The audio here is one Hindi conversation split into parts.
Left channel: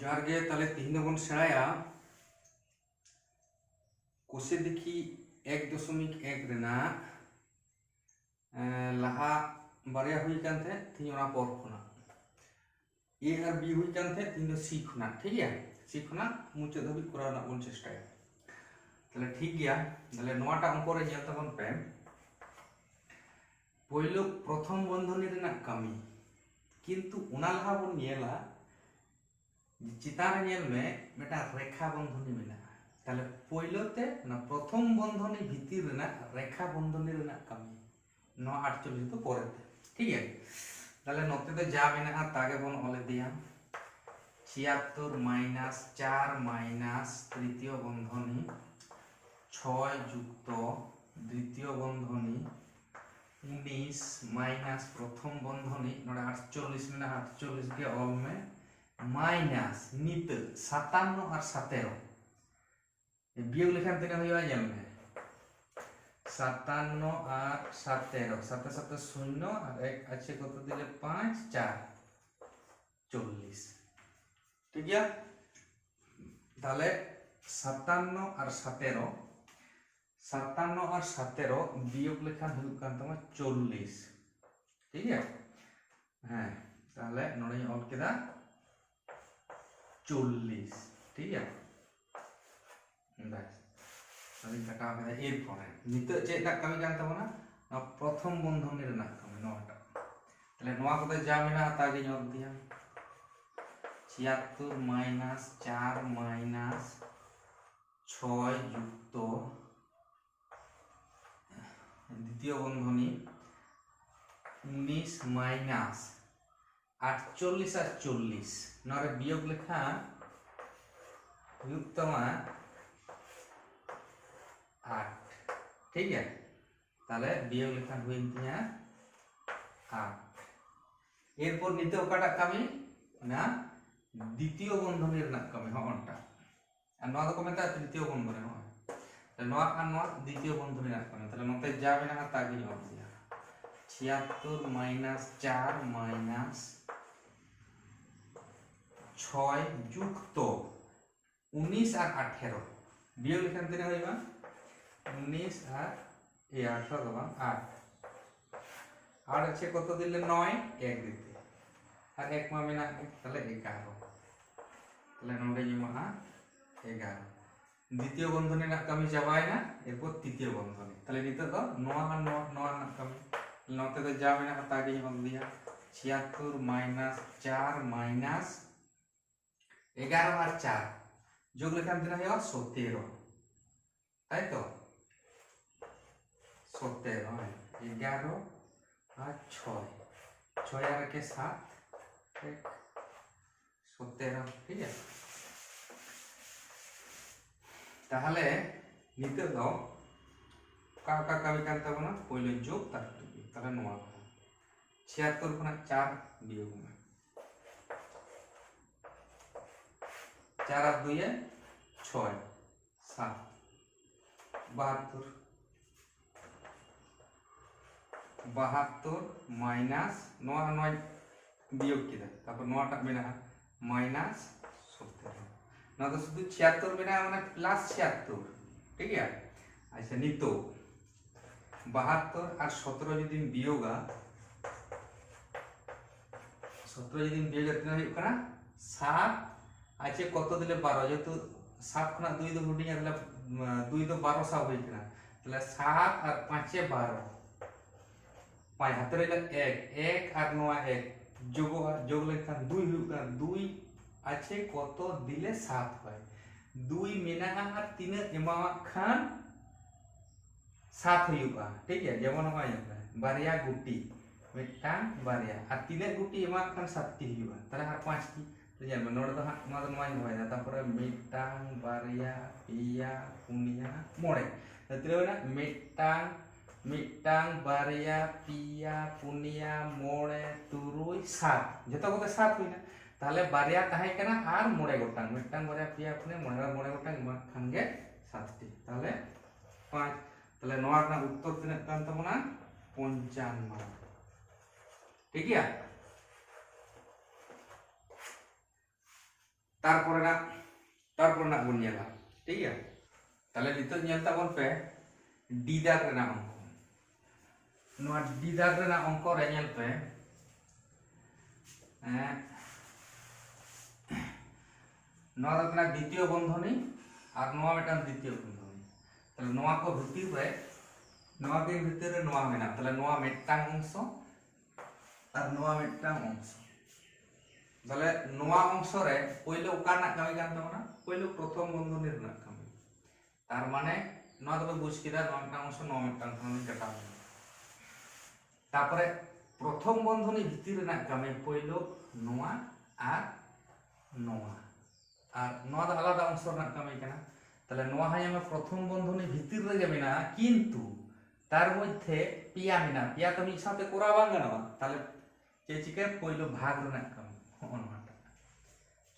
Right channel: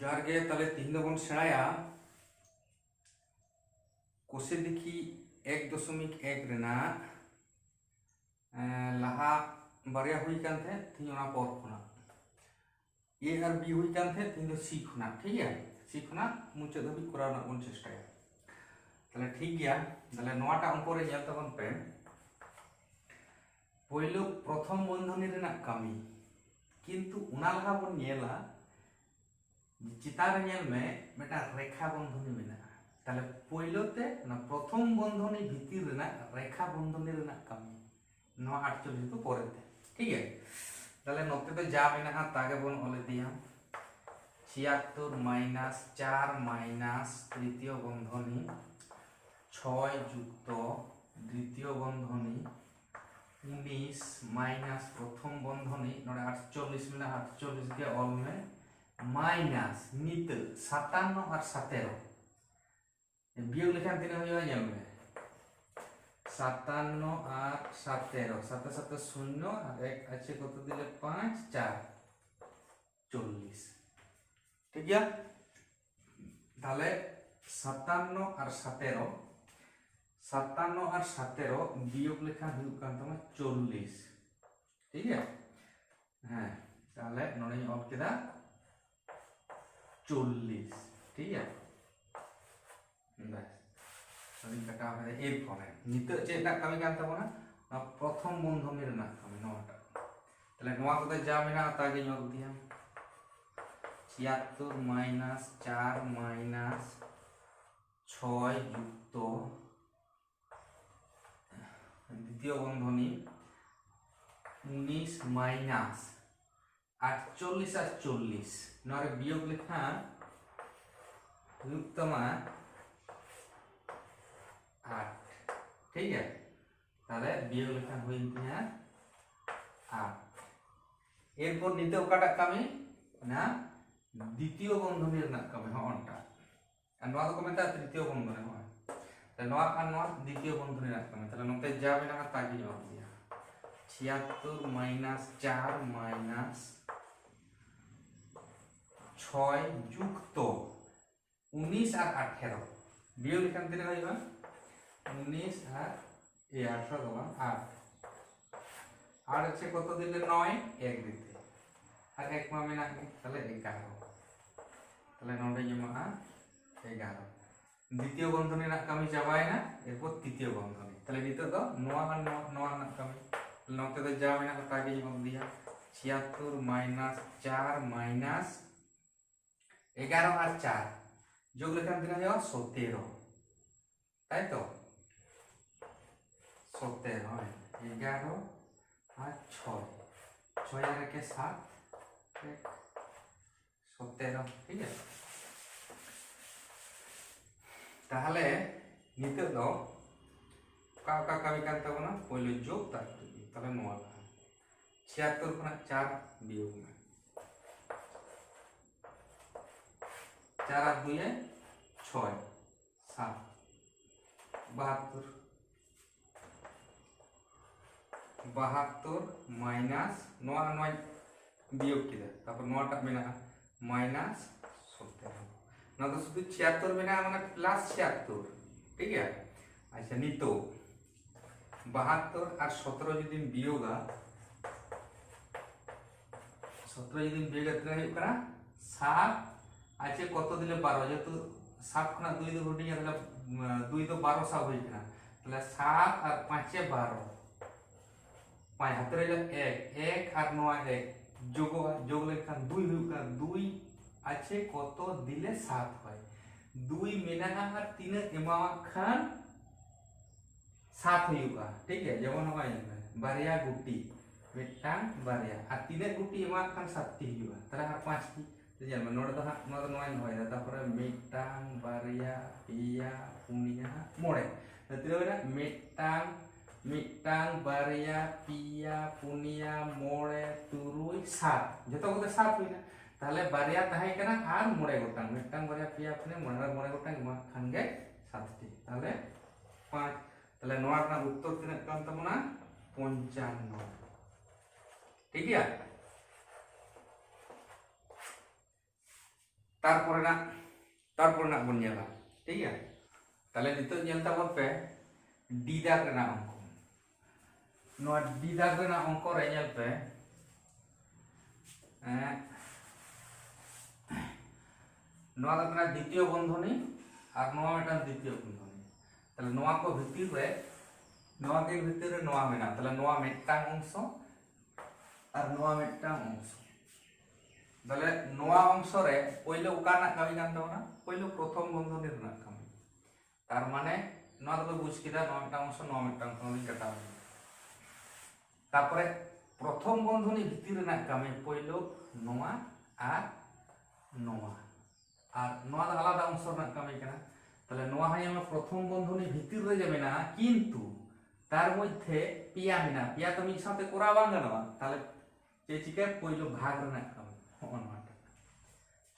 ᱡᱚᱦᱟᱨ ᱜᱮ ᱛᱟᱦᱞᱮ ᱛᱤᱦᱤᱧ ᱫᱚᱵᱚᱱ ᱥᱮᱬᱟᱭᱟ ᱠᱳষে দেখি 1.1 ᱨᱮᱱᱟᱜ লাহা বারিয়া হুই কান থে তিহিᱧ ওনা পর খনা এ আর বি হুই কান থে তিহিᱧ ᱫᱚ সি খনা ঠিক গᱮᱭᱟ সি খনা মুᱪᱟᱹᱫ ᱫᱷᱟᱹᱵᱤᱡ ᱠᱚᱨᱟᱣ ᱨᱮᱱᱟᱜ ᱵᱚᱱ ᱪᱮᱥᱴᱟᱭᱟ তাহলে ঠিক গᱮᱭᱟ তাহলে নোয়াটা অঙ্ক রে ᱧᱮᱞ ᱛᱟᱵᱚᱱ ᱯᱮ পয়লো প্রথম বন্ধনী রেনাᱜ কামি কিন্তু ওনা লাহা বন ᱧᱮᱞᱟ চিতার ᱧᱮᱞ ᱢᱮ মেটা রেখা বন্ধনী মেনাᱜᱼᱟ তাহলে পয়লোতে না প্রথম বন্ধনী ভিতর রেনাᱜ রেখা বন্ধনী রেনাᱜ কামি নো 48 তো পরেতে ঠিক আছে তাহলে নতে তো যা মেনাᱜᱼᱟ তাকে বন অল ইদিয়া 76 মাইনাস 4 মাইনাস তৃতীয় বন্ধনী 6 যুক্ত দ্বিতীয় বন্ধনী 19 মাইনাস প্রথম বন্ধনী নড়ে 48 মেনা 48 के ऑल में माइनस नित 57 और 17 ये बियोग लेखन तेने हुआ जल में 57 और 17 7 7 शून्य और एक अच्छे को तो दिले 5 4 40 ठीक है তাহলে 57 और 17 57 और 17 বিয়োগ লেখান হুয়ুগ কান তামা 40 ঠিক है হ্যাঁ তাহলে নড়ে অল কেদা 40 ঠিক है बस अभी कटा है ए परे निते चेता कामी कान तबना ना प्रथम बंधनी रेना कामी नोटा तले नोआ को जा मेना तागे ñol दिया 76 माइनस 4 माइनस 6 যুক্ত দ্বিতীয় বন্ধনী 19 মাইনাস 48 আর 40 নরে বিয়োগ লেখা युक्तमा 8 ठीक है তাহলে বিয়োগ লেখা হইন তিয়া 8 এরপর নিতে ওকাটা কামি না দ্বিতীয় বন্ধনীর না কামি হনটা আর নয়া তো কমেতা তৃতীয় বন্ধনী হয় তাহলে নয়া আর নয়া দ্বিতীয় বন্ধনীর না কামি তাহলে নতে যাবে না তাকে নিও দিয়া 76 মাইনাস 4 মাইনাস 6 যুক্ত 19 আর 18 বিয়োগ লেখান তেনে হইবা 19 আর এই 18 দবান 8 আর আছে কত দিলে 9 এক দিতে আর এক মা মেনা তাহলে 11 তাহলে নডে জমা 11 দ্বিতীয় বন্ধনী না কামি যাবায় না এরপর তৃতীয় বন্ধনী তাহলে নিতে তো 9 আর 9 না কামি নতে তো যা মেনা তাকে জমা দিয়া 76 মাইনাস 4 মাইনাস 11 আর 4 যোগ লেখান দিনা হয় 17 তাই তো 17 হয় 11 আর 6 6 আর কে 7 17 ঠিক আছে তাহলে নিতে দাও কাকা কামি কান তাবনা পয়লো যোগ তারপরে তাহলে নোয়া 76 কোনা 4 বিয়োগ में 4 আর 2 এ 6 7 72 माइनस 9 9 বিয়োগ কিদা তারপর 9টা মেনা মাইনাস 17 না তো শুধু 76 মেনা মানে প্লাস 76 ঠিক আছে আচ্ছা নিতো 72 আর 17 যদি বিয়োগা 17 যদি বিয়োগ করতে হয় কানা 7 আছে কত দিলে 12 যেহেতু 7 খনা 2 তো রুটিং তাহলে 2 তো 12 সব হই না তাহলে 7 আর 5 এ 12 5 হাতে রইলে 1 1 আর 9 1 যোগ লেখান 2 হই না 2 আছে কত দিলে 7 হয় 2 মেনা আর 3 এমা খান 7 হইবা ঠিক আছে যেমন হয় বারিয়া গুটি মিটাং বারিয়া আর 3 গুটি এমা খান 7 টি হইবা তাহলে আর 5 টি तो जब नोड़ तो हाँ नोड़ तो नोड़ नहीं होएगा तब पर मिटांग बारिया पिया पुनिया मोड़े तो तेरे ना मिटांग बारिया पिया पुनिया मोड़े तुरुई सात जो तो वो तो सात हुई ना ताले बारिया ताहे करना आर मोड़े गोटांग मिटांग बारिया पिया पुनिया मोड़े गोटांग मा खांगे सात टी ताले 5 ताले नोड़ ना उत्तर तिना काम तो मना 55 ठीक है तारपरे ना बन नेला ठीक है ताले नितो नेल ताबन पे डी दाग रेना अंक नोआ डी दाग रेना अंक रे नेल पे नोआ दो कना द्वितीय बंधनी और नोआ मेटा द्वितीय बंधनी ताले नोआ को भितर रे नोआ के भितर रे नोआ मेना ताले नोआ मेटांग अंश और नोआ मेटांग अंश তাহলে নোয়া অংশ রে পয়লো উকার না কামি কান তাবনা পয়লো প্রথম বন্ধনীর না কামি তার মানে নোয়া তো বুঝ কিদা নোয়া একটা অংশ নোয়া একটা অংশ কাটা তারপরে প্রথম বন্ধনী ভিতর না কামি পয়লো নোয়া আর নোয়া আর নোয়া আলাদা অংশ না কামি কেনা তাহলে নোয়া হয় আমরা প্রথম বন্ধনী ভিতর রে যাবে না কিন্তু তার মধ্যে পিয়া মিনা পিয়া তো মিক সাথে করা বাং গানোয়া তাহলে চেচিকে পয়লো ভাগ না কামি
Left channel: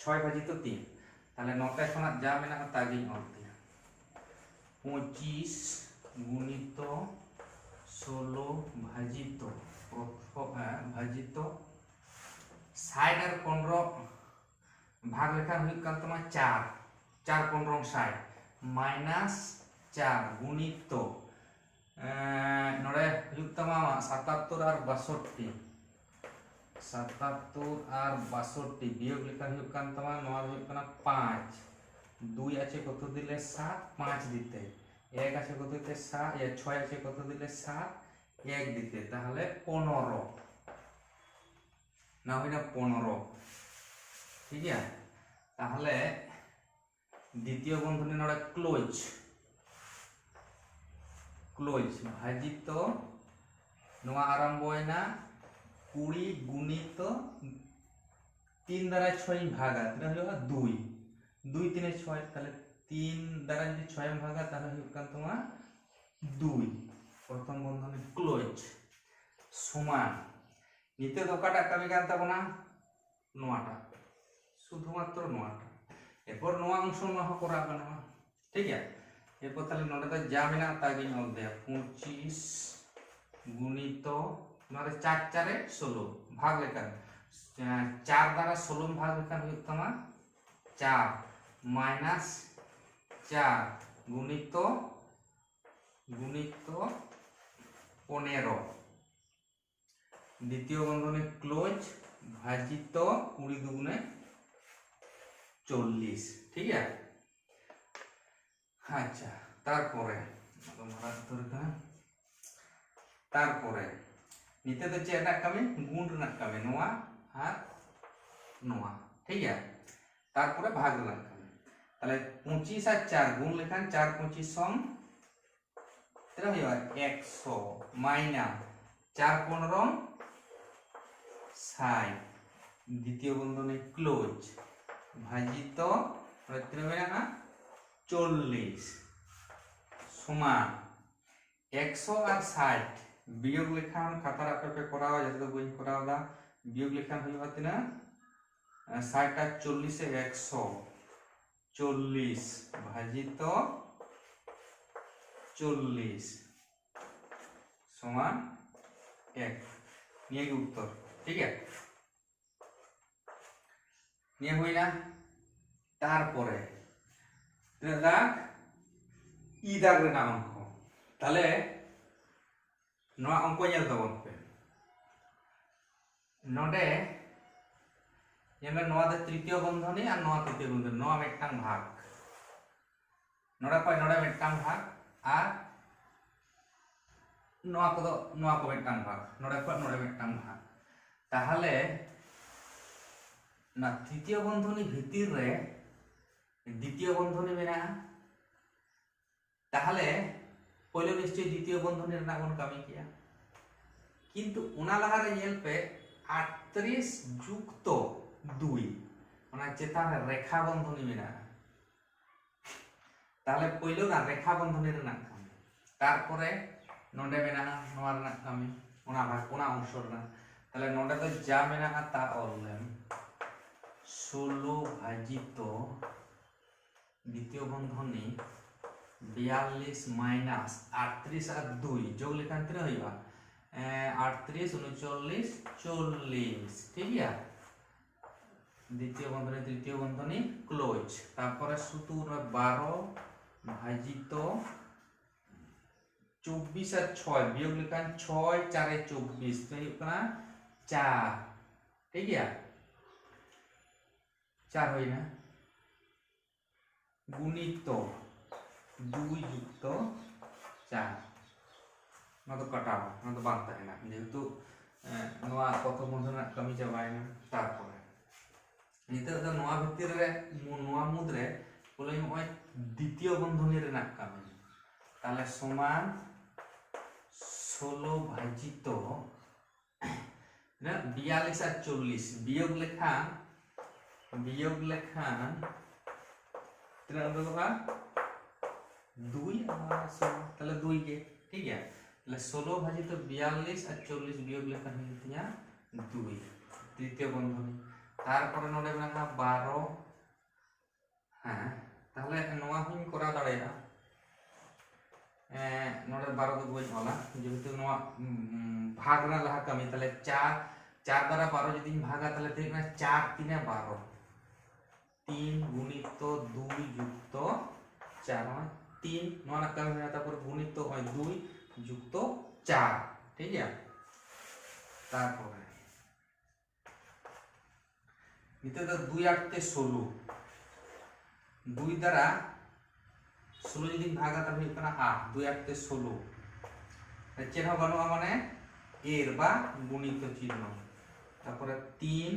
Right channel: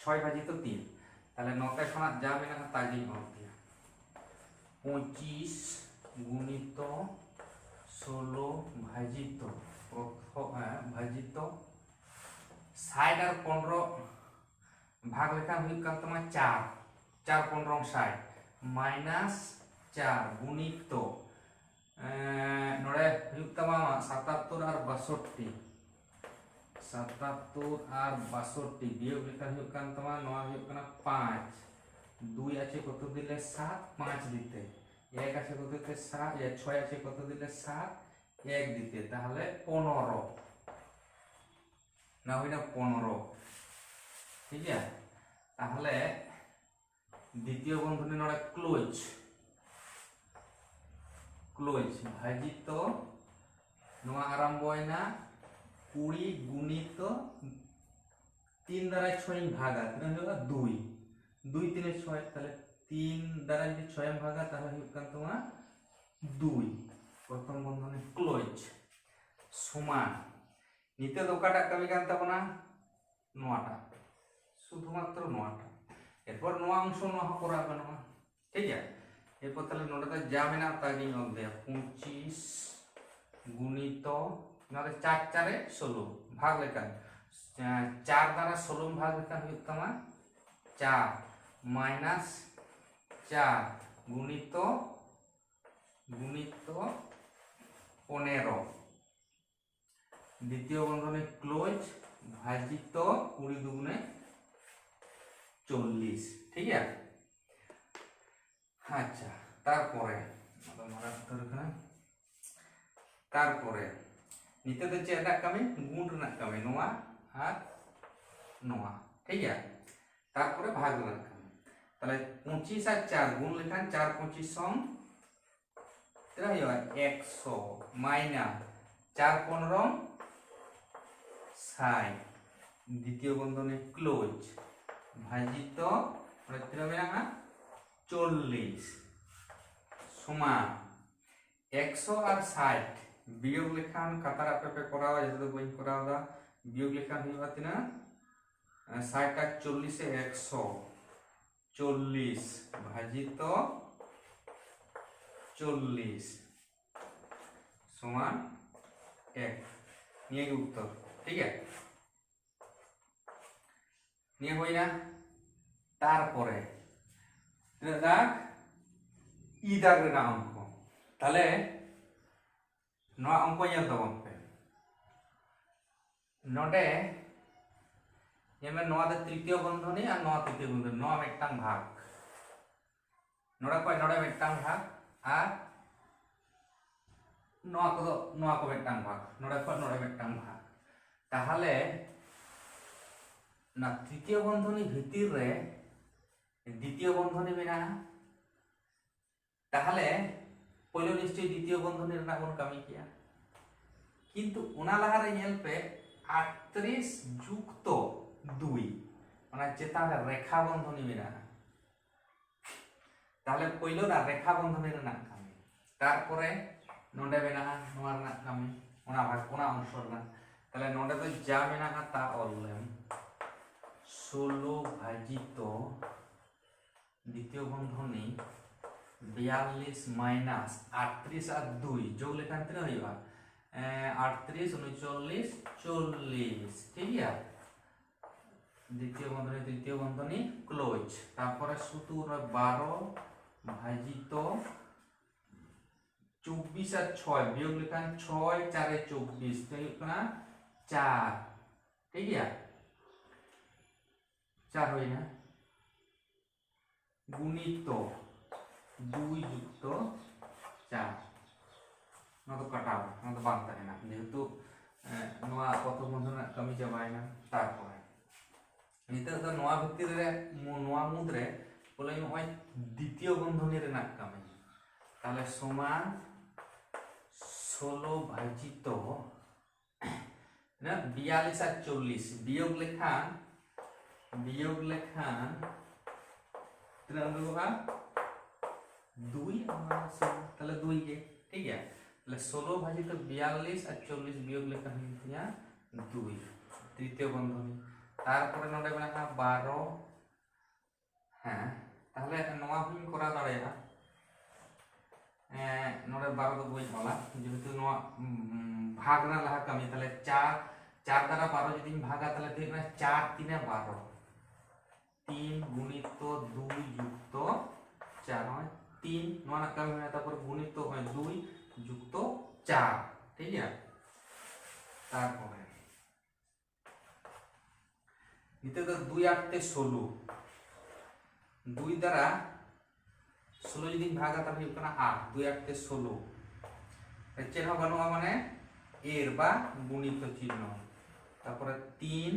छय भाजित तीन ताहले नौका खना जा मेना ताजी नोट दिया 25 गुणित 16 भाजित भाजित 60 और 15 भाग लेखा हुई काल तमा 4 4 15 60 माइनस 4 गुणित नोडे हुई तमा 77 और 62 77 और 62 वियोग लेखा हुई कान तमा नोआ हुई काना 5 2 আছে কত দিলে 7 5 দিতে 1 আছে কত দিতে 7 6 আছে কত দিলে 7 1 দিতে তাহলে 15 না হইনা 15 ঠিক আছে তাহলে দ্বিতীয় বন্ধনী নড়া ক্লোজ ভাজিত নোয়া আরম্ভ হয় না 20 गुणित 3 দ্বারা 6 ভাগা তাহলে হলো 2 2 3 6 তাহলে 3 দ্বারা যদি 6 ভাগা তাহলে হবে কান তোমার 2 প্রথম বন্ধনী ক্লোজ সমান নিতে দোকাটা কবি গান তাবনা নোয়াটা শুধুমাত্র নোয়াটা এরপর নোয়া অংশ নোয়া করা বানোয়া ঠিক আছে এরপর তাহলে নোটা তো যা মেনা তাগি নল দে 25 गुणित नोरे 4 4 16 भाग लेखन 4 द्वारा 16 भाग लेखन हुई तमा 4 माइनस 4 गुणित 15 द्वितीय बंधने क्लोज भाजित 20 दुगुणे 40 ठीक है अच्छा तारपरे तारपरे निते तो चेक कमी गुण रना कमी नोआ और नोआ ठीक है तारपरे भाग रना कमी ताले 25 और 4 गुण लेखान 4 25 सम तेरा होय 100 माइनस 4 15 60 द्वितीय बंधने क्लोज भाजित प्रत्यय मेना 40 समान 100 और 60 वियोग लेखान खातार आपे कराओ जते बई कराओदा वियोग लेखान हुई तिना 60 और 40 से 140 भाजित 40 समान 1 निये के उत्तर ठीक है निये हुई ना तारपरे दाग ই দাগ রেনা অঙ্ক তাহলে नोआ अंक ñel ताबन पे नोडे नोआ दो तृतीय बंधनी और नोआ तृतीय बंधनी नोआ मेटांग भाग नोडा को नोडा मेटांग भाग और नोआ को मेटांग भाग नोडे को नोडा मेटांग भाग ताहले ना तृतीय बंधनी भितर रे द्वितीय बंधनी मेना ताहले पहले निश्चय द्वितीय बंधनी रे बन कामी किया किंतु उना लहारे नेल पे 38 जुक्त 2 माने चेतान रेखा बंधनी मेना ताहले पहले ना रेखा बंधनी रे ना कामी तारपरे नोडे मेना नोआ रे ना कामी उना भाग उना अंश रे ताहले नोडे तो जा मेना ता ऑलरेडी 16 भाजित द्वितीय बंधनी 42 माइनस 38 और 2 जोग लेखान तिना होइबा 38 39 40 ठीक है দ্বিতীয় বন্ধনী তৃতীয় বন্ধনী ক্লোজ, তারপরে শুধু 12 ভাজিত 24 আর 6 বিয়োগ লেখান 6 4 এ 24 তো ᱦᱩᱭᱩᱜ ᱠᱟᱱᱟ 4 ঠিক গিয়া 4 হইনা গুণিত 2 যুক্ত 4 না তো কাটাবো না তো বাদ তাহেনা যেহেতু নোয়া প্রথম বন্ধনের কামি চাবায়না তারপরে নিতে তো নোয়া ভিতর রে নোয়া মুদ্রে বলে নয় দ্বিতীয় বন্ধনী রেনাক কামি তাহলে সমান 16 ভাজিত না 42 আর 40 বিয়োগ লেখান তিনা होगा 2 তাহলে 2 के ठीक है তাহলে 16 ভাজিত 42 আর 40 বিয়োগ লেখান হইয়া 2 তৃতীয় বন্ধনী তারপরে নড়ে মেনা 12 হ্যাঁ তাহলে নোয়া হুই করা দাঁড়ায়া নড়ে 12 তো বই वाला যেহেতু নোয়া ভাগ না লাহা কামি তাহলে 4 দ্বারা 12 যদি ভাগা তাহলে দেখবে 4 3 12 3 গুণিত 2 যুক্ত 4 হয় 3 নোয়া না কামি হয় তারপর গুণিত হয় 2 যুক্ত 4 ঠিক আছে তারপরে নিতে তো 2 8 16 2 দ্বারা 16 যদি ভাগা তাহলে হইব না 8 2 8 16 চিহ্ন বানুয়া মানে এর বা গুণিত চিহ্ন তারপরে 3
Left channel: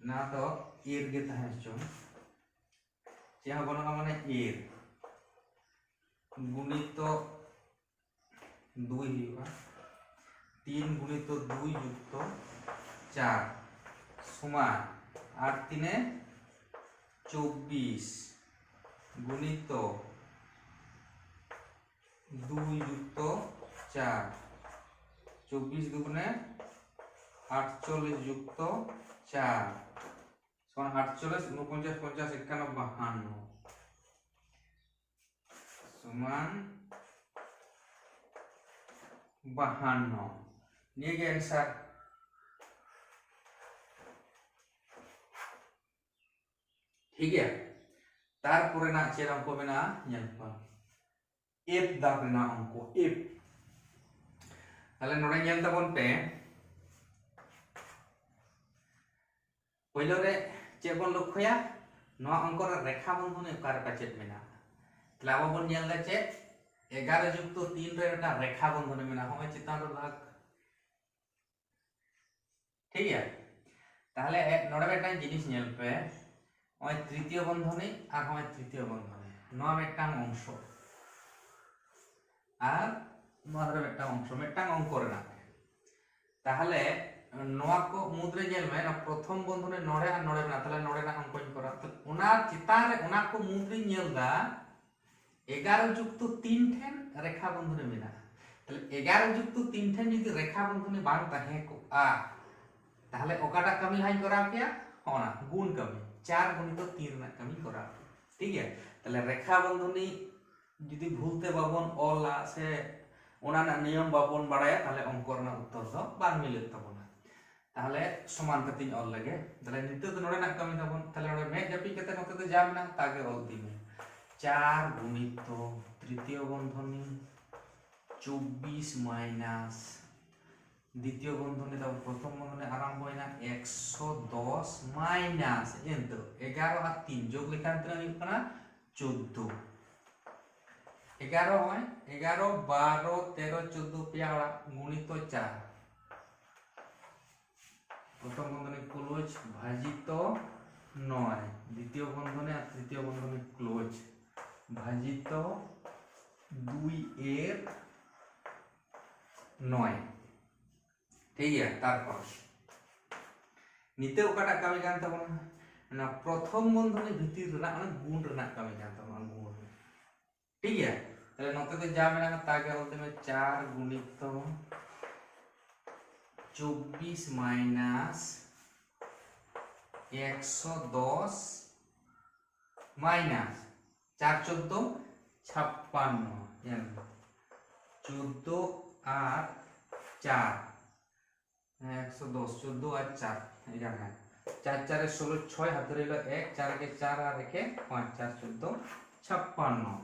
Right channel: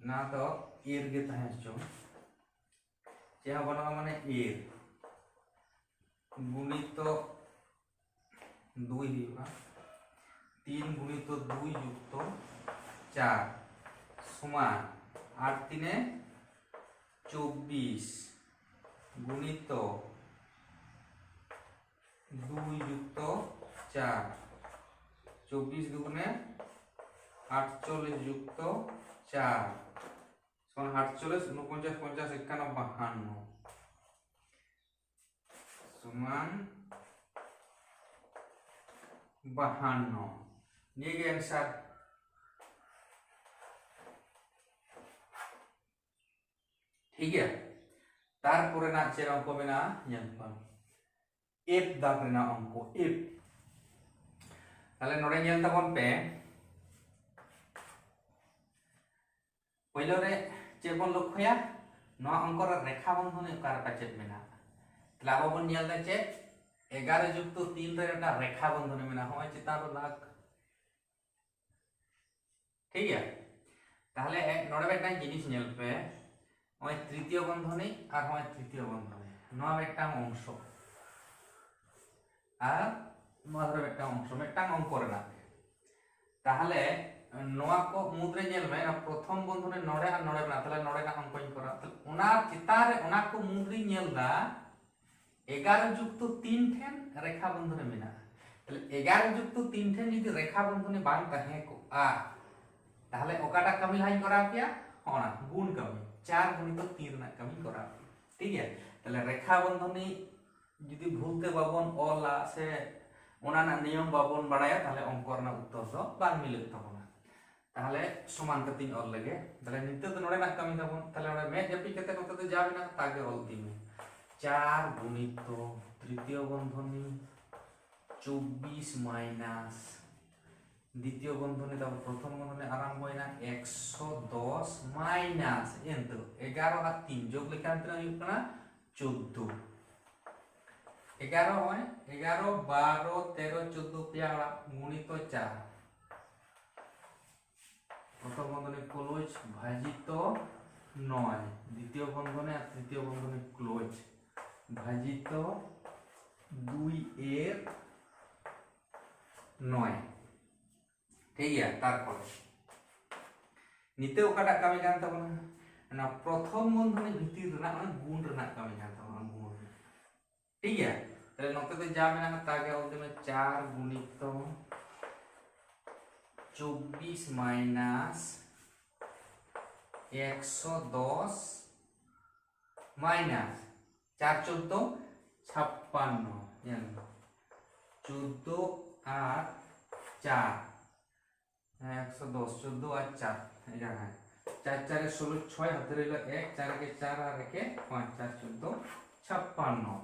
না তো এর গে তাহেছো চিহ্ন বানুয়া মানে এর গুণিত 2 হইবা 3 গুণিত 2 যুক্ত 4 সমান 8 3 24 গুণিত 2 যুক্ত 4 24 দুগুণে 48 যুক্ত 4 সমান 48 49 50 51 52 সমান 52 নিয়ে গিয়ে आंसर ठीक है তারপরে না চেরাম কমে না জানবা এফ দাগ না অঙ্ক এফ তাহলে নড়ে ñel তাবন পে পয়লো রে চে বন লক্ষ্যয়া নো অঙ্কর রেখা বন্ধনী কার কাছে মেনা তাহলে আবার বন ñel দা চে 11 যুক্ত 3 রে একটা রেখা বন্ধনী মেনা হয় চিতান রে দাগ ঠিক আছে তাহলে নড়ে একটা জিনিস ñel পে হয় তৃতীয় বন্ধনী আর হয় তৃতীয় বন্ধনী নোয়া একটা অংশ আর নোয়ার একটা অংশ একটা অঙ্ক করে না তাহলে নোয়া কো মুদ্রে ñel মে না প্রথম বন্ধনী নড়ে আর নড়ে না তাহলে নড়ে না অঙ্ক করা ওনার চিতারে ওনা কো মুদ্রে ñel দা 11 যুক্ত 3 ঠেন রেখা বন্ধনী মেনা তাহলে 11 যুক্ত 3 ঠেন যদি রেখা বন্ধনী বাং তাহে কো তাহলে ওকাটা কামি হাই করা কিয়া হনা গুণ কামি 4 গুণিত 3 না কামি করা ঠিক আছে তাহলে রেখা বন্ধনী যদি ভুলতে বাবন অলা সে ওনা না নিয়ম বাবন বাড়ায়া তাহলে অঙ্ক না উত্তর তো বাং মিলে তবনা তাহলে সমান কত অল লাগে তাহলে নিতে তো নড়ে না কামি তবন তাহলে ওরা মে জাপি কতে নতে যাবে না তাকে অল দিবে 4 গুণিত তৃতীয় বন্ধনী 24 মাইনাস দ্বিতীয় বন্ধনী তারপর প্রথম বন্ধনী আরম্ভ হয় না 110 মাইনাস এন্টো 11 আর 3 যোগ লেখা আনতে হইব না 14 11 হয় 11 12 13 14 পেয়ারা গুণিত 4 প্রথম বন্ধনী ক্লোজ ভাজিত 9 দ্বিতীয় বন্ধনী আর তৃতীয় বন্ধনী ক্লোজ ভাজিত 2 এর 9 ঠিক আছে তারপর নিতে ওকাটা কামি জানতে পারো না প্রথম বন্ধনী ভিতর না মানে গুণ রেনা কামি জানতে পারো গুণ ঠিক আছে তাহলে নতে যাবে না তাকে বলতে হবে 4 গুণিত 24 মাইনাস 110 মাইনাস 4 14 56 14 আর 4 110 14 আর 4 এটা হ্যাঁ 4 4 এ 16 6 হাতে রইল 1 4 কে 4 আর 1 5 4 14 56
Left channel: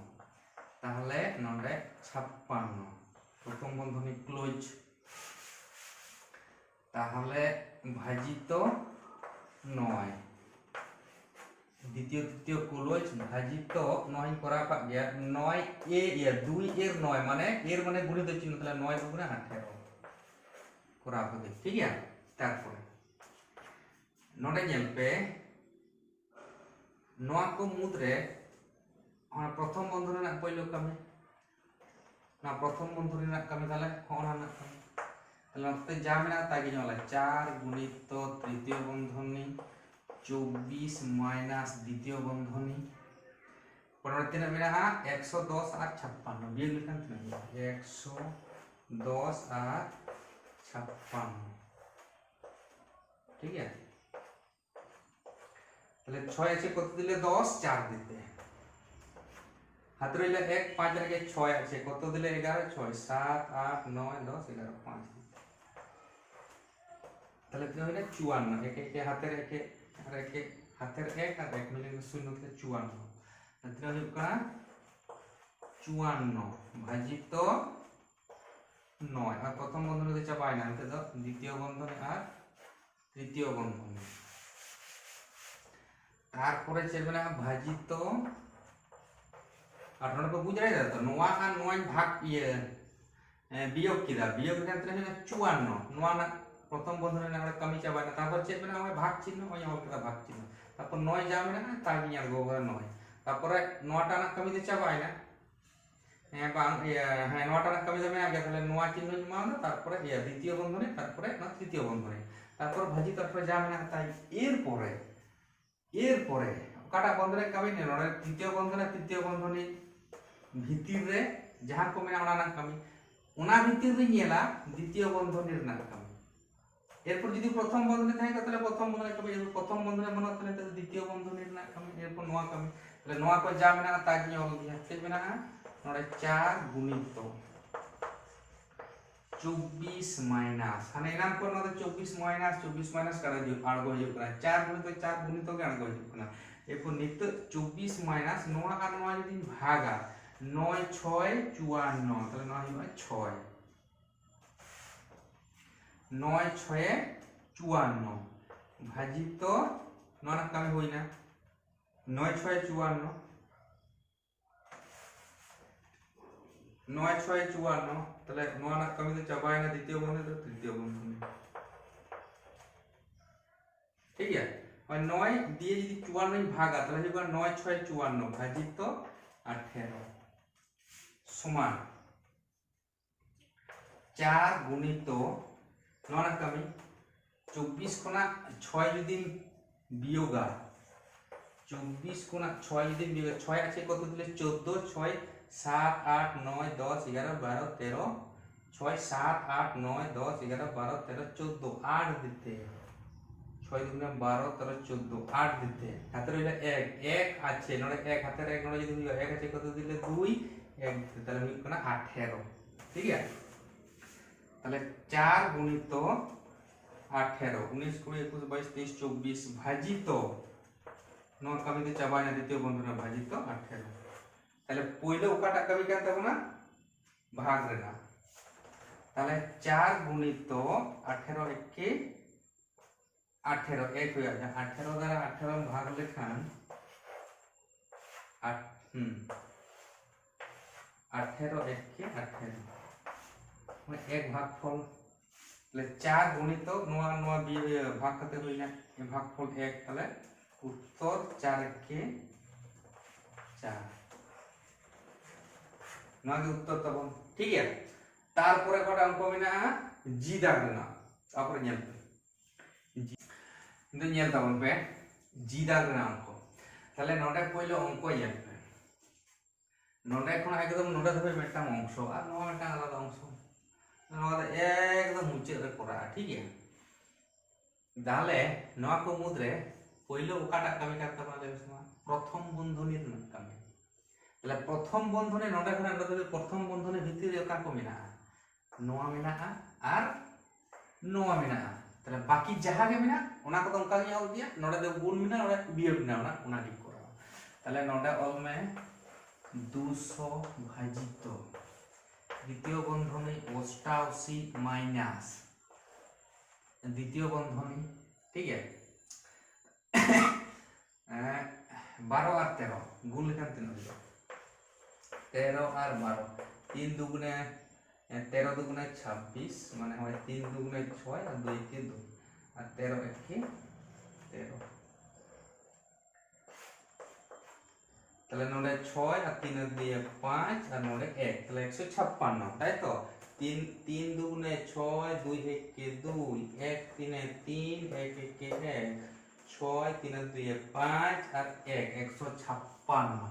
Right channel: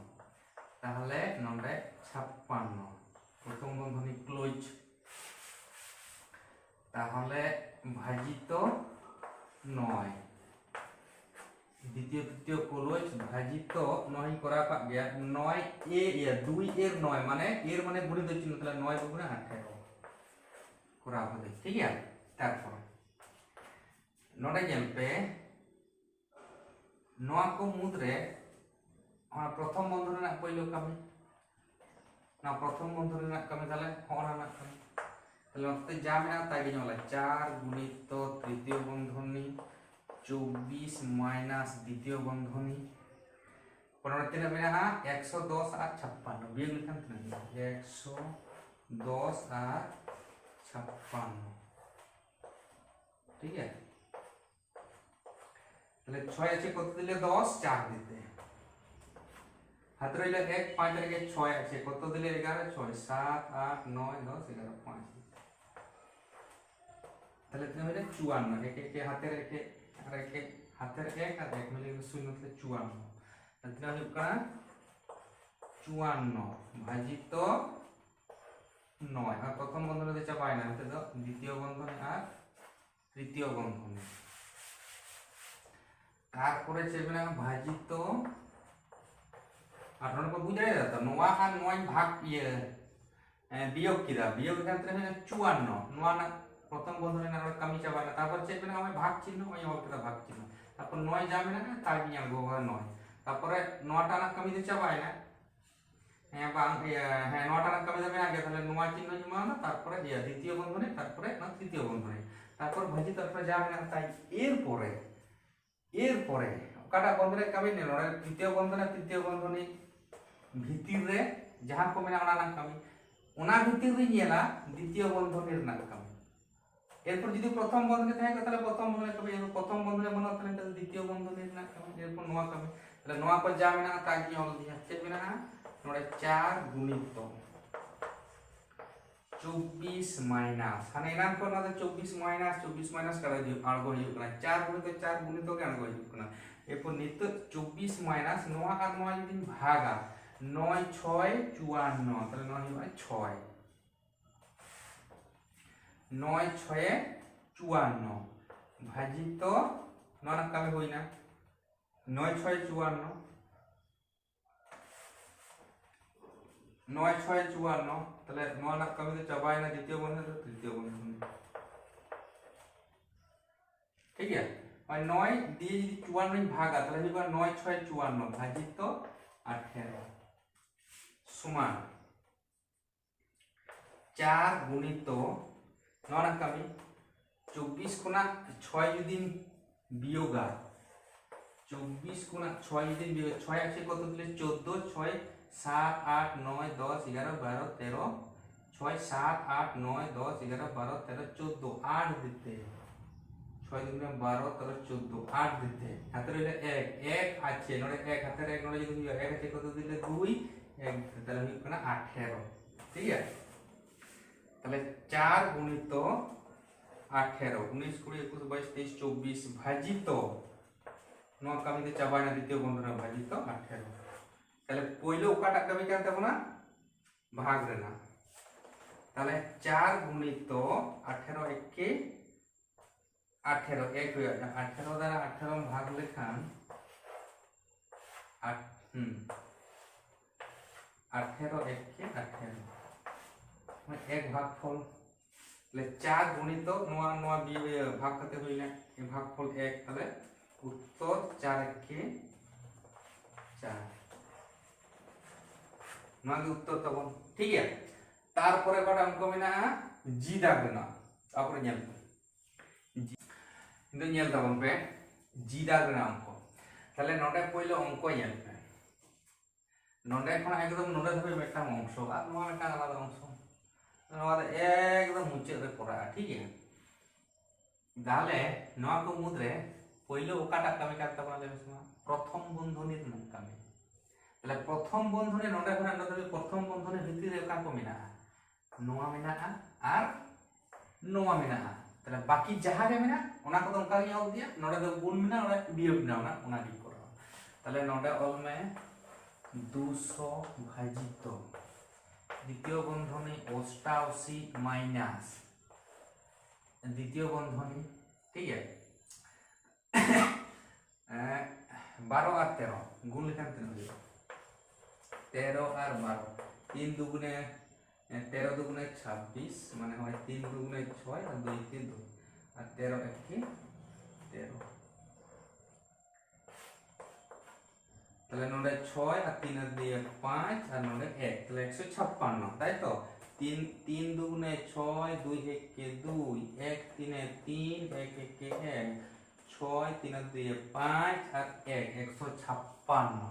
তাহলে নডে 56 প্রথম বন্ধনী ক্লোজ তাহলে ভাজিত 9 দ্বিতীয় তৃতীয় ক্লোজ ভাজিত 9 করা পা গিয়া 9 এ 2 এর 9 মানে এর মানে গুণিত চিহ্ন তাহলে 9 দুগুণে 18 করা হবে ঠিক আছে তারপর नोडे जेल पे नोआ को मुद्रे और प्रथम बंधन ना पहिलो कमी ना प्रथम बंधन ना कमी ताले होना ना कमी ताले नते जा मेना तागे नला 4 गुणित तृतीय बंधनी 24 माइनस द्वितीय बंधनी पनोते ने मेना 110 और 56 बिग लिखन थे 110 और 56 ठीक है তাহলে 6 আছে কত দিলে 10 4 দিতে হাত রইলে 1 5 এর আগে 6 আছে কত দিলে 11 6 7 8 9 10 11 5 তাহলে কি হবে 54 এক এক হাতের একে আর একে হাতের এক আর এক মিলে শূন্য থেকে 54 তাহলে হবে কারা 54 ভাজিত 9 আর প্রথম বন্ধনীতে চাপায় না তো দ্বিতীয় বন্ধনী আর তৃতীয় বন্ধনী তারপরে চেপে না ভাজিত আপনারা তো বুঝাই যাচ্ছে 9 আর 9 ভাগ বিয়োগ কিরা বিয়োগ ক্ষেত্রে হলো 54 9 না প্রথম বন্ধনী না কমি চাবায় না তারপর চেপে না ওই ভাগ চিহ্ন ওই হবে ভাগ চিহ্ন তারপর 9 যাবে না তাই নিয়ে আসবো 9 তারপরে 9টা না কমিতে চাবায় না হ্যাঁ বা হ্যাঁ 9টা না কমি যাবে আগে তাহলে 9 চিহ্ন জমা না তারপরে দ্বিতীয় বন্ধনী তারপরে না তৃতীয় বন্ধনী তারপর ভাজিত তারপরে যাবে না তাই এরপরে কাটা বন্ধনে কমি নেই নড়ে তৃতীয় বন্ধনী ভিতর রে যাহা কমি না ওনা না কমি ওনা ভিতর রে নিয়েলা দ্বিতীয় বন্ধনীর না কমি এরপর যদি প্রথম বন্ধনী থাকে তাহলে প্রথম বন্ধনী কমি এরপর প্রথম বন্ধনী মনে হতে তাহলে দ্বিতীয় বন্ধনীর না কমি এরপর নোয়া কমি তাহলে নোয়া কো যাবে না তাই কি হবে হচ্ছে বিনা নড়ে 4 গুণিত 24 माइनस हाने नाम को ना 24 माइनस कर दियो आगो हिजु कना 4 गुणित के आगो हिजु कना एरपर नित 24 माइनस 9 का 9 यदि भागा 9 6 54 তাহলে 9 হয় 6 9 6 54 ভাজিত 9 না কামে হই না 9 6 54 9 6 54 তাহলে 9 না কমিতে চাবায় না দ্বিতীয় বন্ধনী তো তৃতীয় বন্ধনী ঠিক আছে আর 9 দিয়ে যদি 54 ভাগা তাহলে হবে 9 6 54 ভাজিত 18 সমান 4 গুণিত 9 না কমি 24 কোনা 6 যদি বিয়োগা 24 কোনা 6 যদি বিয়োগ 6 আছে কত দিলে 14 6 7 8 9 10 11 12 13 6 7 8 9 10 11 12 13 14 8 দিতে 6 দুগুণে 12 13 14 8 দিতে হাতে রইলে 1 আছে নড়ে 1 হাতের 1 নড়ে যদি 1 আছে কত দিলে 2 1 দিতে তাহলে হবে কোনা 18 ঠিক আছে তাহলে 4 গুণিত 18 19 20 21 22 23 24 ভাজিত 9 কমিতে চাবায় না দ্বিতীয় বন্ধনী ভাজিত 18 তাহলে পয়লো ওকাটা কবি কেন দেব না ভাগ রে না তাহলে 4 গুণিত 18 একে 18 এক হয়ে যাবে 18 দ্বারা 18 ভাগ লেখান 18 একে 18 মানে এক ভাগফল তাহলে 4 গুণিত নোয়া নোয়া ভাগ করতে হই না এই ভাগফল 1 তাহলে উত্তর 4 একে 4 নাকি উত্তর তখন ঠিক আছে তারপরে কটা অঙ্ক মেনা জি দাগবে না তারপরে নিয়ন্ত্রণ কিন্তু নিয়ন্ত্রণ পে জি দাগবে না অঙ্ক তাহলে নটা পয়লো অঙ্ক নিয়ন্ত্রণ নটা এখন একদম নটা ধরে মেটাম অংশ আর নোয়া মেটা আলাদা অংশ নোয়া একদম মুচে রে করা ঠিক আছে তাহলে নোয়া কো মুদ্রে পয়লো ওকাটা কামি কাটতে পারলে প্রথম বন্ধনীর কামি তাহলে প্রথম বন্ধনী নটা ঘরে আমরা প্রথম বন্ধনীর ভিতরে ওকা কো মেনা নোয়া মেনা আর ᱱᱚᱣᱟ ᱢᱮᱱᱟᱜᱼᱟ তাহলে বাকি যাহা গে মেনা ওনা কত অঙ্কা ᱜᱤᱧ ᱚᱞ ᱤᱫᱤᱭᱟ ᱱᱚᱰᱮ ᱫᱚ ᱜᱩণ ᱢᱮᱱᱟᱜᱼᱟ ᱱᱚᱰᱮ বিয়োগ মেনা ওনা ᱜᱤᱧ ᱠᱚᱨᱟᱣᱟ তাহলে ᱱᱚᱰᱮ ᱚᱞ ᱢᱮ 200 ভাজিত দ্বিতীয় বন্ধনী 88 মাইনাস দ্বিতীয় বন্ধনী ঠিক আছে 12 আর 13 গুণ লেখান তিন হয়ে 13 আর 12 3 দুগুণে 13 দুগুণে 26 মানে হয় 3 দুগুণে 6 আর 2 কে 2 আর 13 একে 13 তাহলে নোডে 6 আর 3 এর দিয়ে 5 আর নোডে 1 তাহলে 156 তাই তো 3 দুগুণে 6 2 একে 2 1 3 এ 3 1 একে 1 6 3 এর দিয়ে 5 আর 1 156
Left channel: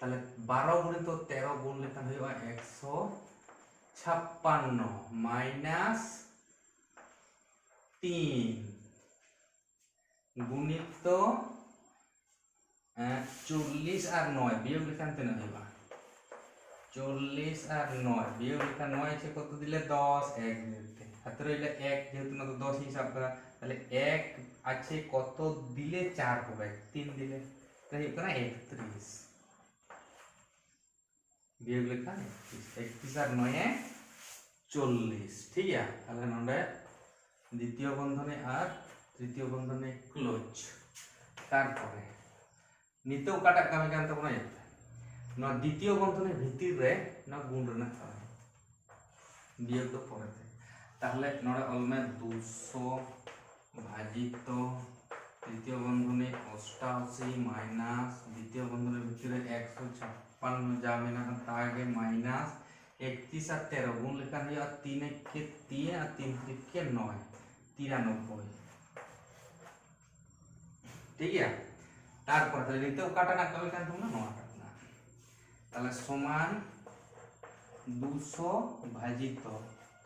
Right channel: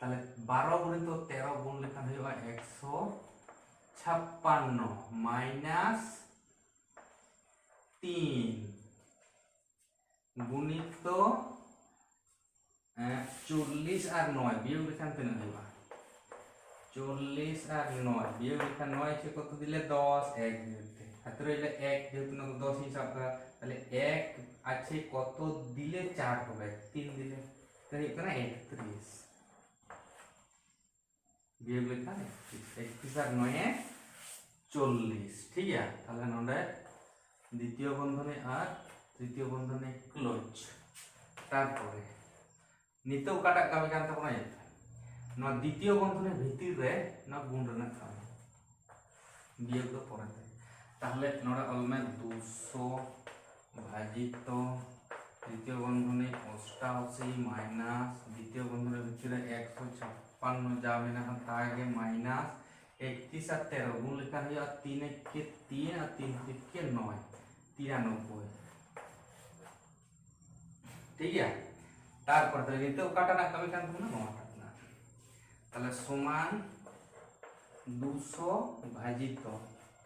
তাহলে 12 গুণিত 13 গুণ লেখান হইবা 156 মাইনাস 3 গুণিত 40 আর 9 বিয়োগ লেখান তিন হইবা 40 আর 9 বিয়োগ লেখা 9 আছে কত দিলে 10 1 দিতে হাতে রইলে 1 যেহেতু না তো 10 হিসাব করা তাহলে 1 আছে কত দিলে 4 হবে 3 দিলে তাই এখানে 31 বিয়োগ লেখা 31 আর 9 40 ঠিক আছে তাহলে নোডে দ্বিতীয় বন্ধনী আর তৃতীয় বন্ধনী ক্লোজ তারপরে নিতেও কাটা কামি কান তখন না দ্বিতীয় বন্ধনীর ভিতরে না গুণ রেনা কামি বিয়োগ তো পরে তাহলে নোডে অলমে 200 ভাজিত তৃতীয় বন্ধনী 88 মাইনাস দ্বিতীয় বন্ধনীর ভিতরে 156 যা মেনা তা আগে মাইনাস 31 আর 13 গুণ লেখা হইয়া 3 কে 3 আর 3 কে 9 93 ঠিক আছে তারপর তাহলে নিতেও কাটা না কামি কান তোমরা নোয়া কাটনা তাহলে সমান 200 ভাজিত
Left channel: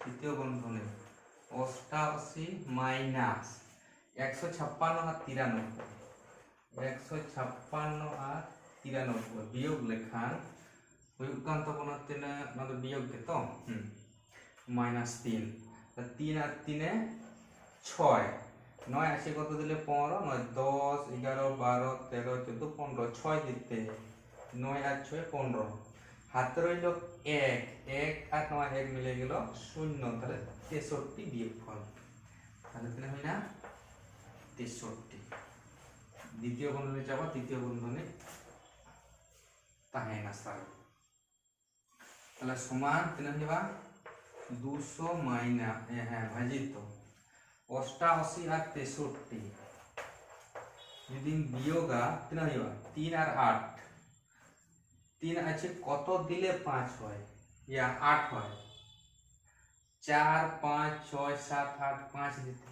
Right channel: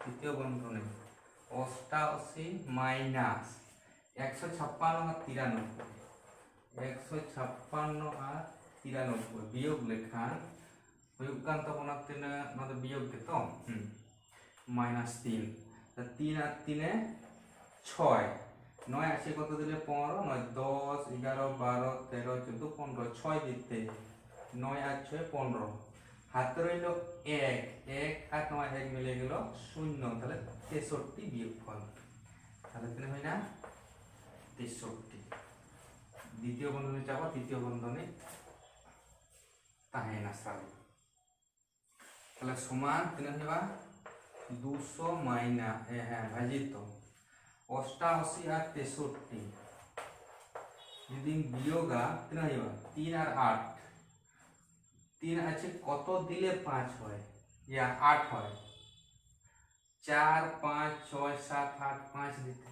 তৃতীয় বন্ধনী 88 মাইনাস 156 আর 93 156 আর 93 বিয়োগ লেখান হুয়ুগ কান তখন তিনে মানে বিয়োগ কে তো মাইনাস 3 তা 3 আর 3 এ 6 9 আছে কত দিলে 15 9 10 11 12 13 14 15 6 দিতে 9 আর 6 15 হাতে রইল 1 1 আর 9 1 মিলে গেল 0 তাহলে 63 বিয়োগ ফল তাহলে তিনে হয় না 63 দ্বিতীয় বন্ধনী যাবা তৃতীয় বন্ধনী তাহে না সাল তাহলে সমান তিনে হইবা 200 মাইনাস হ্যাঁ ভাজিত 88 আর 63 যদি বিয়োগা তিন হইবা 3 আর 8 3 আছে কত দিলে 5 হয় ইয়া 8 হয় 4 5 6 7 8 5 দিতে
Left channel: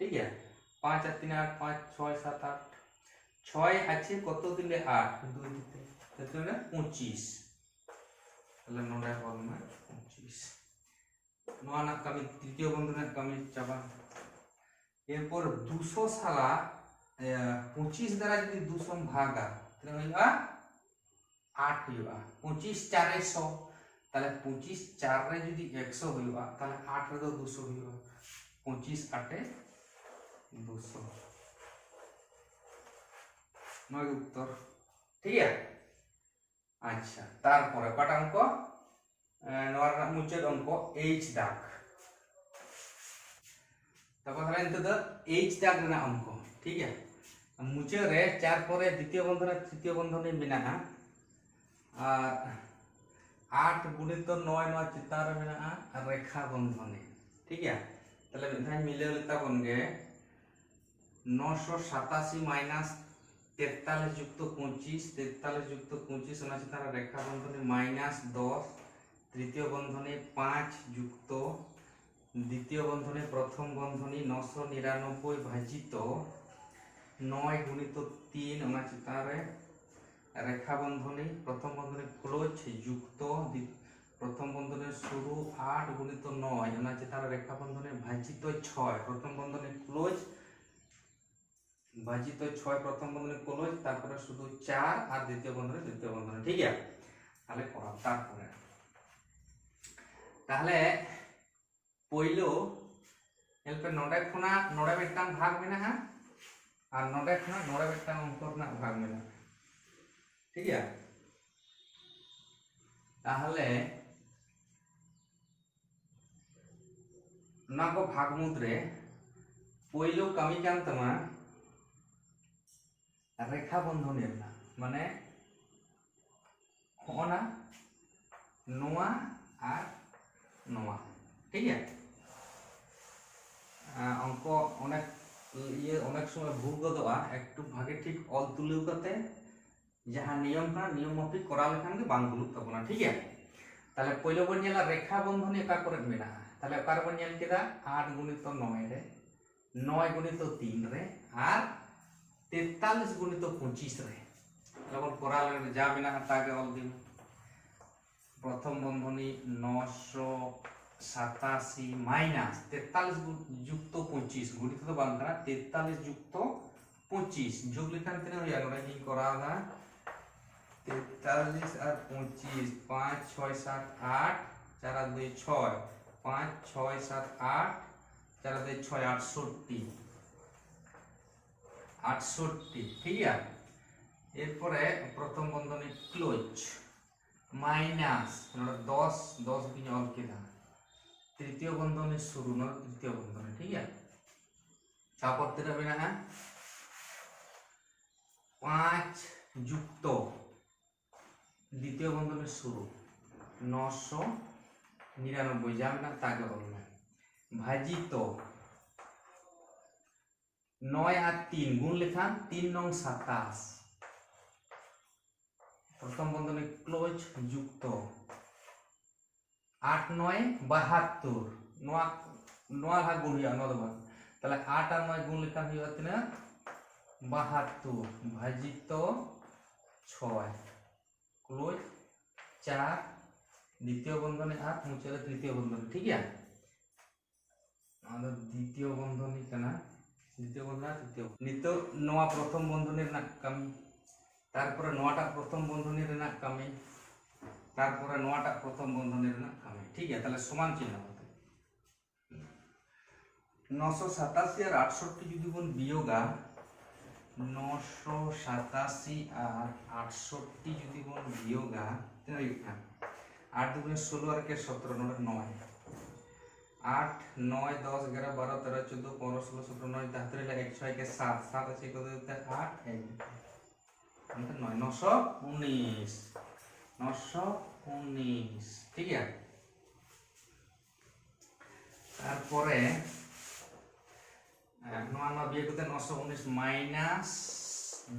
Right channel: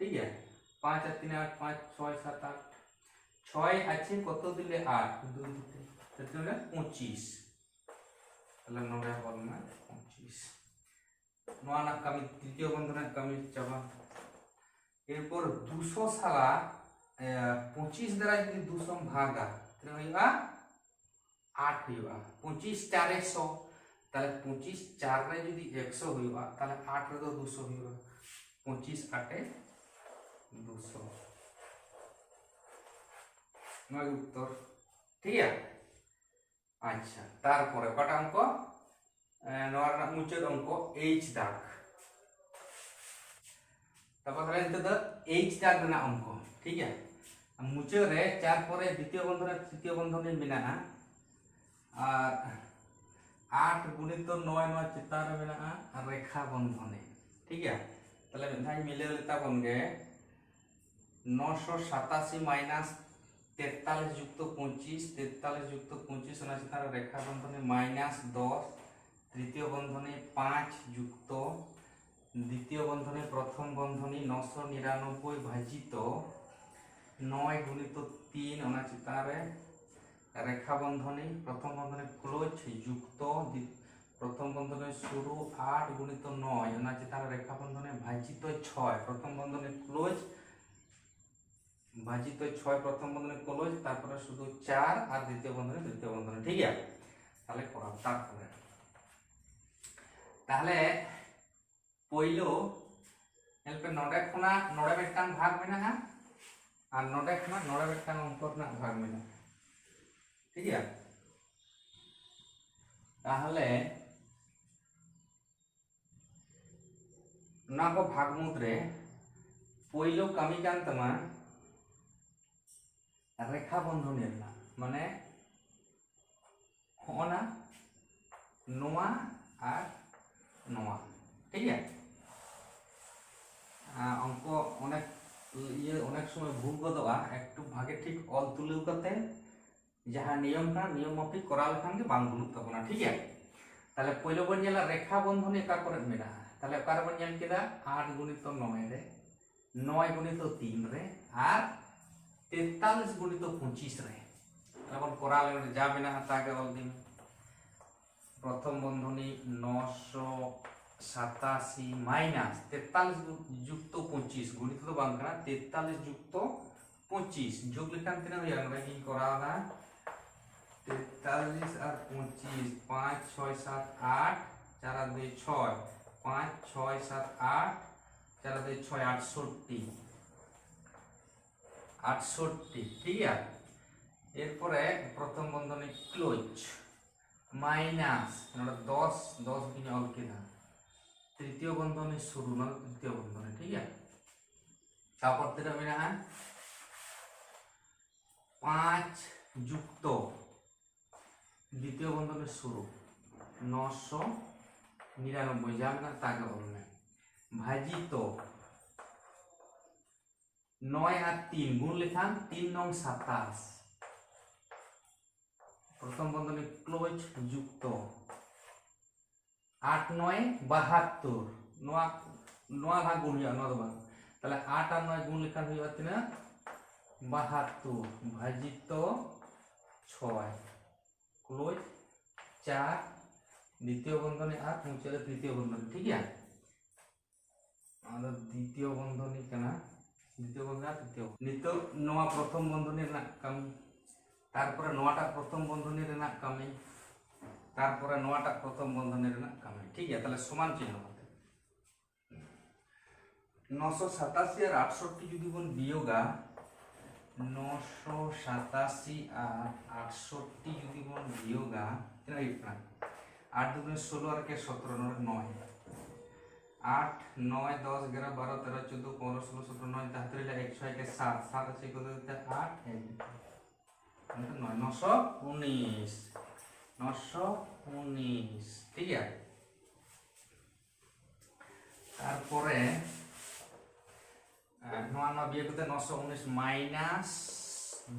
ঠিক আছে 5 আর 3 8 5 6 7 8 6 আছে কত দিলে 8 2 দিতে তাহলে 25 তাহলে নোডা বলমা 25 নোনা কামি তৃতীয় বন্ধনের কামি চাবা এরপর 200 সালা 25 দ্বারা যদি 200 ভাগা তাহলে হইবা 8 হইবা 25 4 100 তাহলে 25 4 রে যদি 100 হইবা তাহলে 8 রে তো 200 হইবা 25 8 এ 200 নয় উত্তর ঠিক আছে আচ্ছা তারপরে কটা অঙ্ক নোয়ার মুচের অঙ্ক এইচ দাগ তারপর হলেন তো এইচ দাগ না অঙ্ক ঠিক আছে মুচে রে 4 পরে দ্বিতীয় বন্ধনে তৃতীয় বন্ধনে মেনা আর 8 গুণিত 9 9 চিতার মেনা আর রেখা বন্ধনে ঠিক আছে তাহলে মিঠাই মিলে গেলে তা বনগে 987 মাইনাস 43 যুক্ত 25 43 যুক্ত 25 না চিতার রেখা বন্ধনে মাইনাস 10 তৃতীয় বন্ধনে 5 যুক্ত দ্বিতীয় বন্ধনে প্রথম বন্ধনী 999 ভাজিত 9 গুণিত 3 ওনা চিতারে রেখা বন্ধনী প্রথম বন্ধনে ক্লোজ যুক্ত প্রথম বন্ধনে শুরু 8 গুণিত 9 ওনা চিতারে রেখা বন্ধনে ভাজিত 6 প্রথম বন্ধনে ক্লোজ ভাজিত 6 প্রথম বন্ধনে ক্লোজ তারপরে শুধু 4 আর দ্বিতীয় বন্ধনে ঠিক আছে তাহলে করা তারপরে তাহলে পয়লো এলপে নডে খনা নডে মিদটাং ভাগ মেনাहा আর নডে খনা নডে মিদটাং অঙ্ক রᱮᱱᱟᱜ ভাগ মেনাहा ঠিক আছে তাহলে ना को भाग मुद्रे पयलो कमी कान तमा रेखा बंधन माने होना नोआ और नोआ ठीक है अंक अनेक ये अनेक समय भूल गदोआ एकटू भागे ठीक ऑल तुलु करते जहां नियम का नियम माफिक करा लेखान के बांग भूलुक तबना ठीक है ताले पयलो बन नेला रेखा बंधन एका करे मेना ताले ओकार बन नेल केदा 8 गुणित 9 रे 9 गुणित 3 रे और 43 गुणित 25 रे ताले बन करा ले जा मेना ताके ऑल दिन प्रथम बंधनी 987 माइनस 43 युक्त 25 गुणित तो बांग करा 43 युक्त 25 जोग लिखान तिना होया नोडे की करा ना 43 और 25 5 6 7 8 4 2 6 5 6 7 8 4 2 6 68 ठीक है এরপরে প্রথম বন্ধনী ক্লোজ মাইনাস 10 10 কি অল কেনা তৃতীয় বন্ধনী শুরু না তৃতীয় বন্ধনী ঠিক আছে তারপর তেরা বিনা 5 যুক্ত দ্বিতীয় বন্ধনী শুরু 999 যা না তাকে বলবে ভাজিত 9 আর 3 গুণ লেখান 3 নং 27 प्रथम बंधनी क्लोज युक्त 8 9 72 नोआ नोआ भाग गुण हुआ नोद बार ताले 8 और 9 गुण लेखान हुआ तिना 72 भाजित 6 क्लोज 4 द्वितीय बंधनी और मुचाले तृतीय बंधनी ठीक है द्वितीय बंधनी कना द्वितीय बंधनी तृतीय नितो नोआ प्रथम बंधनी ना कमी तारपरे नोआटा प्रथम बंधनी रेना कमी तारपरे नोआटा प्रथम बंधनी रेना कमी ठीक है ताले समान चिन्ह 987 और 68 যদি বন বিয়োগা 987 और 68 যদি বন বিয়োগা তেনা লিখনা 8 দুগুণে 16 আর কে 17 9 8 9 10 11 12 13 14 15 16 17 9 তাহলে 1 6 के 7 7 से को देते 8 1 919 ঠিক আছে তারপরে 9 বিয়োগ করতে 919 মাইনাস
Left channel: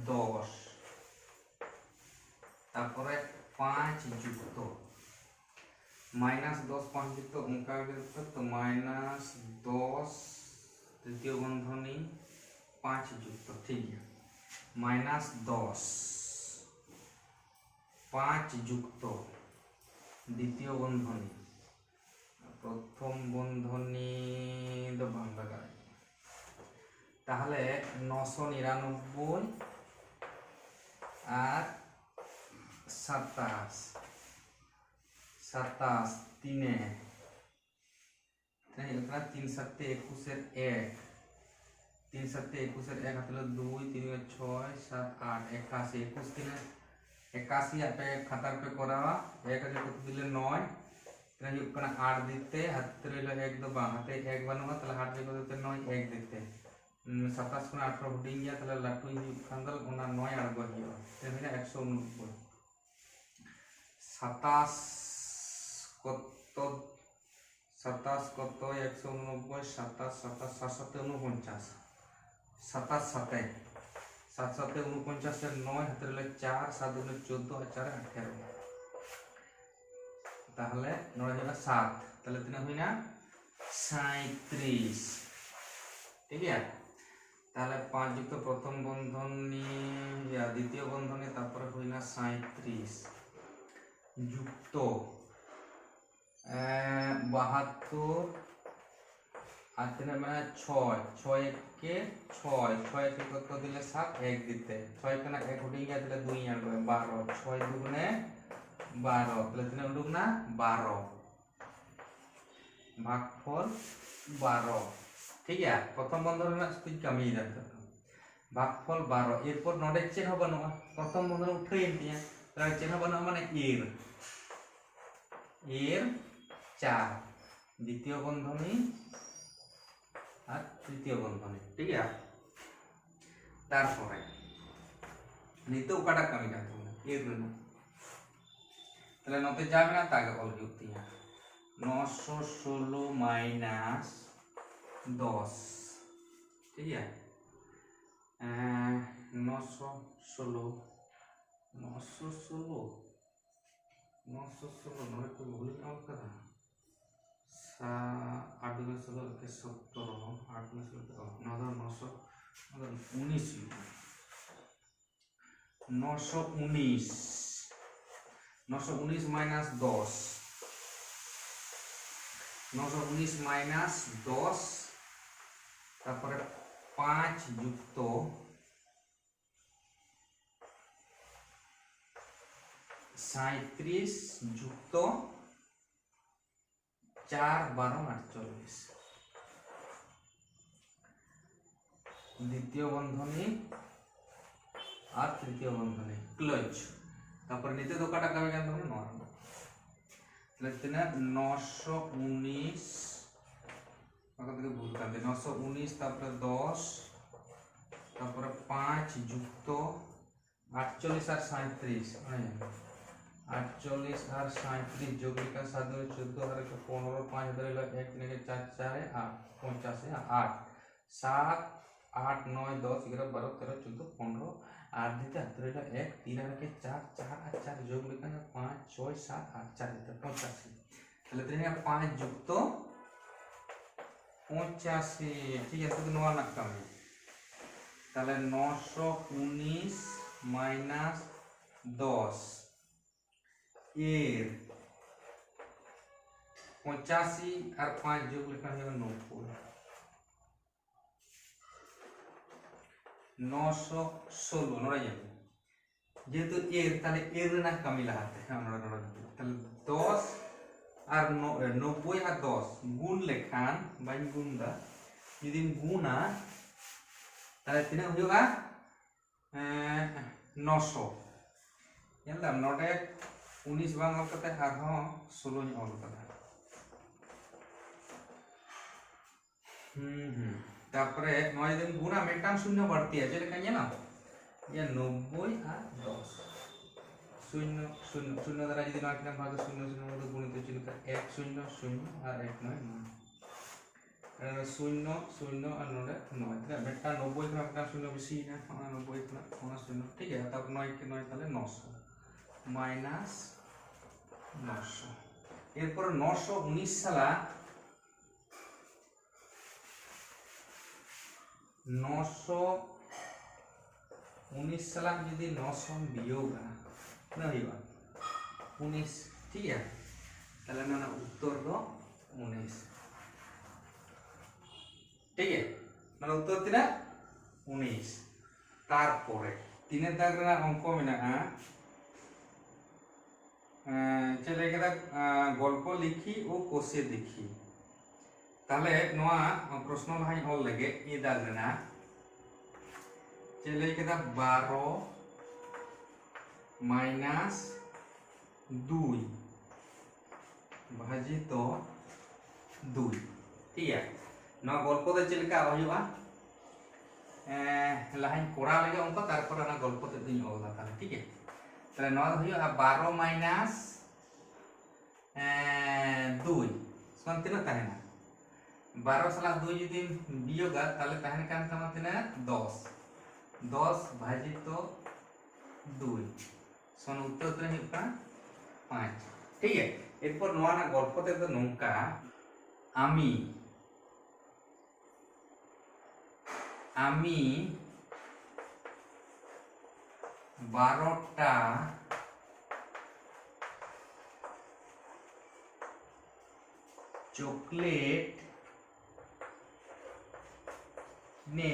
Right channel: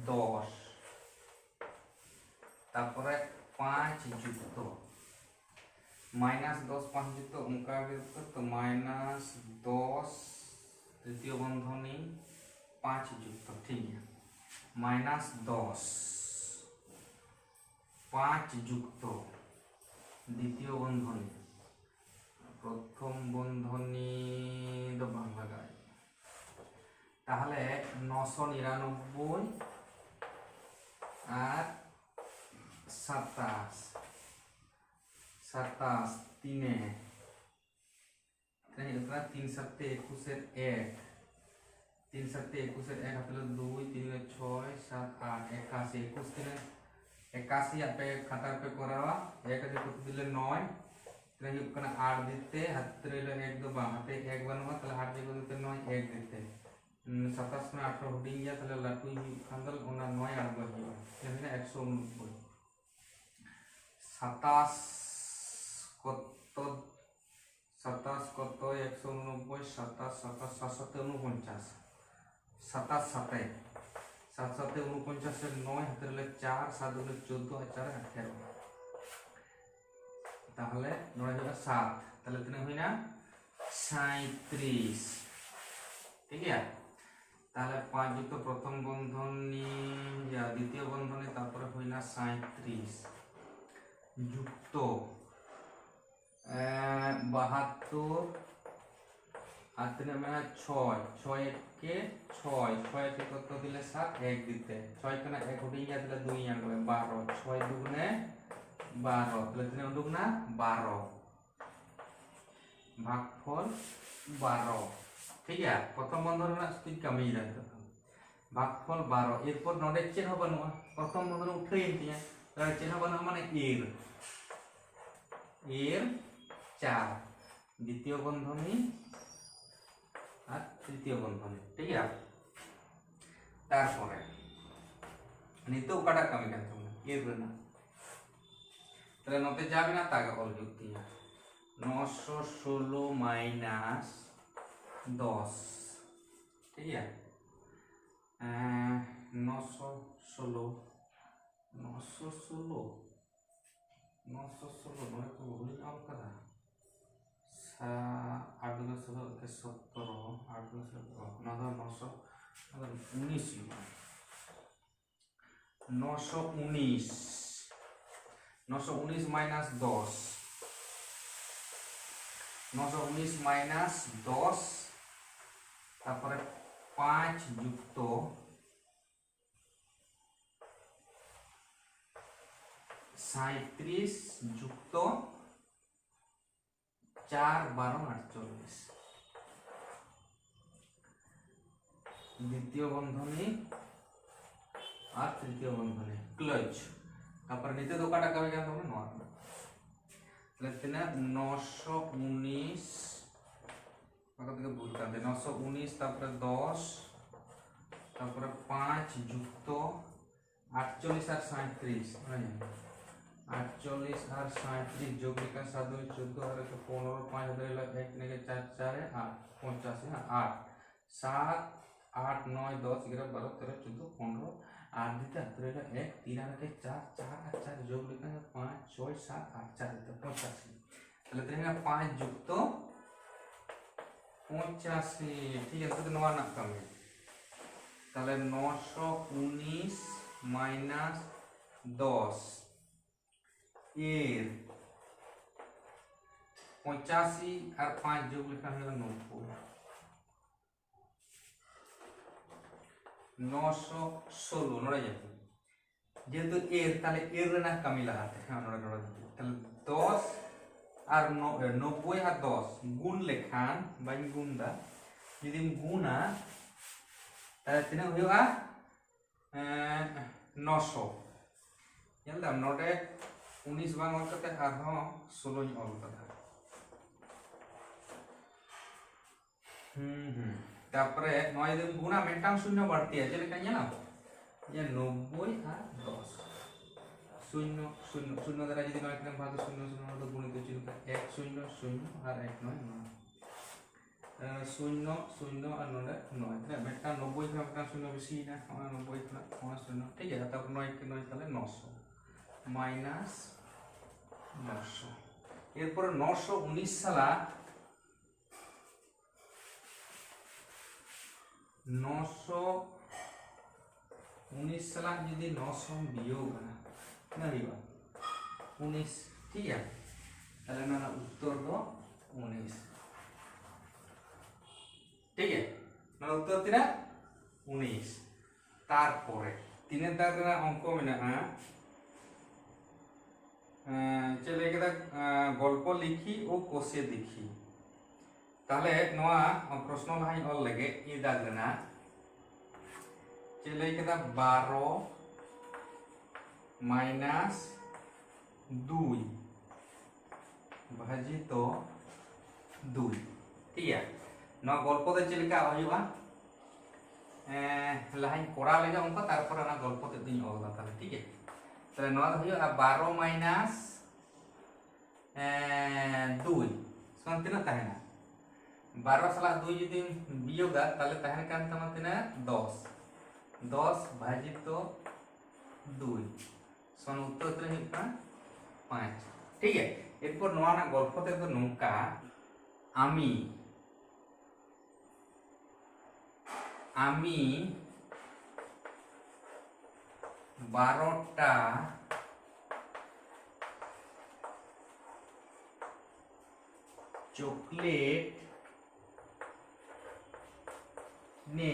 10 তারপরে 5 যুক্ত माइनस 10 5 যুক্ত অঙ্কা তো माइनस 10 তৃতীয় বন্ধনী 5 যুক্ত ঠিক আছে माइनस 10 5 যুক্ত দ্বিতীয় বন্ধনী প্রথম বন্ধনী তো বাংলা গায় তাহলে 999 আর 27 তিনে 3 7 21 এর 1 3 7 21 এর 1 হাতে 2 3 6 7 8 81 21 দিলে 81 আপে খাতার पे করাवा 1 আছে কত দিলে 9 তাহলে ওখানে 8 দিতে হাতে রইল 1 2 বাঁ হাতে 1 বানাবা তাহলে 8 দিয়ে দিতে 9 1 দিতে 27 কোন 18 হডিং গিয়া তাহলে লাটু খান্দল ওনা 9 আর গহিবা তাহলে 189 27 কত 27 কত 189 27 27 749 27 7 7 7 49 এর 9 হাতে রইল 4 7 দুগুণে 14 আর 4 18 তাহলে 9 হলো 7 তাহলে তিন হই না 37 ঠিক আছে তাহলে 5 যুক্ত প্রথম বন্ধনী দ্বিতীয় বন্ধনী তারপরে হই না 37 যুক্ত 72 আর তিনে মানে 6 6 কে 6 6 কে কত দিলে 7 1 দিতে 6 কেনা 1 উঠে গিয়া দিলে 2 আর 12 6 দুগুণে 12 তাহলে তিনে উঠুক না 12 ভাগফল 12 ঠিক আছে প্রথম বন্ধনী ᱨᱮᱱᱟᱜ ᱥᱛᱷᱤতি ᱠᱟᱹᱢᱤ ᱫᱟ ভাগফল 12 এরপর নডে চেন হবে না প্রথম বন্ধনী উঠেই দিয়া তাহলে চেন হবে না মানে এর 4 দ্বিতীয় বন্ধনী আর তৃতীয় বন্ধনী ঠিক আছে তারপরে নিতে ওকাটা কামি কাজ হবে এর না তাহলে নতে যাবে না তাকে অল যুক্তি 916 মাইনাস 10 ঠিক আছে 916 नोट को भूल काम करा 8 में 16 के 70 8 में 16 919 919 माइनस 10 919 माइनस 10 তারপরে 5 যুক্ত 37 যুক্ত 4 12 48 দ্বিতীয় বন্ধনী আর তৃতীয় বন্ধনী ক্লোজ তারপর নিতে দোকাটা কামে জানতে হবে নরমাল তাহলে 919 কত থেকে ভুলতে হবে 919 তারপরে 10 তারপরে 5 যুক্ত 48 আর 37 48 আর 37 যোগ লিখা 7 14 আর 15 5 ধরে 1 3 4 4 8 85 8 7 8 9 10 11 12 13 14 15 আর দিতে ধরে 1 3 আর 4 4 আর 4 যোগ লিখা 5 6 7 8 4 দিতে 85 তাহলে দেখেন 5 যুক্ত 85 ঠিক আছে তো নয়া না কামে তাহলে 919 माइनस 10 এর 85 আর 5 যোগ লিখা হলো 90 916 নড়ে যাবে যেহেতু এর তাহলে এর না কামি লাগাতে হ্যাঁ নড়ে তাহলে 10 আর 90 আর 10 গুণ লেখান বাই গুণদা যদি গুণা তাহলে তিনা হইবা 900 যেলাম নটে 19 বাং অল করতে আর হ 16 অল করতে তারপরে নয় দিন গুণা মেটাং শূন্য বাড়তি আছে লেখা জানা যে 90 আর 10 শূন্য শূন্য শূন্য দ্বারা যদি 9 কে ভাগ শূন্য শূন্য মধ্যে গুণিত চিহ্ন 1 0 0 আর 1 9 9 শূন্য শূন্য আর 9 তাহলে মেটা 90 কে মেটা শূন্য বেশি না 90 কে শূন্য ঠিক আছে তারপর 9 কে 9 তাহলে 900 মাইনাস 900 এরপর 919 সালা 919 সালা যদি 900 বিয়োগ না হইবা 19 ঠিক আছে তাহলে না উত্তর দো 19 ঠিক আছে মানে উত্তর তিনা 19 তারপরে তিনের দাগ রে অঙ্ক মেনা চলে গেল গল্প লিখি ও কোষে দেখি তাহলে নোয়া প্রশ্ন লাহাই অল লাগে ই দাগ রে না চলে গেল 12 মাইনাস 2 ভাজিত 2 ঠিক আছে না গল্প দে চিলকা হইবা লাহাই পড়া লাগে অঙ্ক তারপর না গল্পতে দিন অলদা তাহলে ঠিক আছে তাহলে নয় হইবা 12 মাইনাস 2 সমান তিনা তাহে না 12 সালা 2 যদি বিয়োগ তাহলে তাহে কান তমা তিনা 10 10 ভাজিত 2 সমান উত্তর তো হইবা 5 ঠিক আছে এরপর নয়া না গল্পতে তো নৌকা আমি 12টা চকলেট নে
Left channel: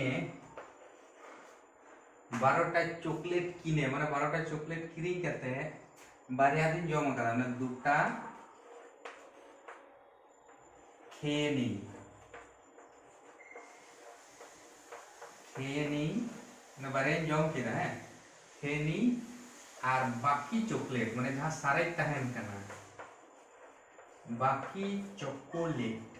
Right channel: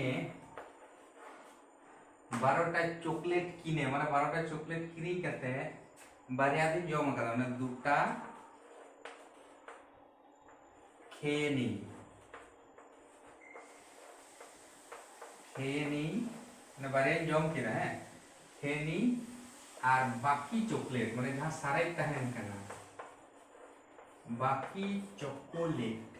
12টা চকলেট কিনে মানে 12টা চকলেট কিনে करते बारिया दिन जमा करा ना दुटा খেয়ে নিই, খেয়ে নিই মানে বারে জম কেনা, হ্যাঁ খেয়ে নিই আর বাকি চকলেট মানে যাহা সারেজ তাহেন কানা, বাকি চকোলেট,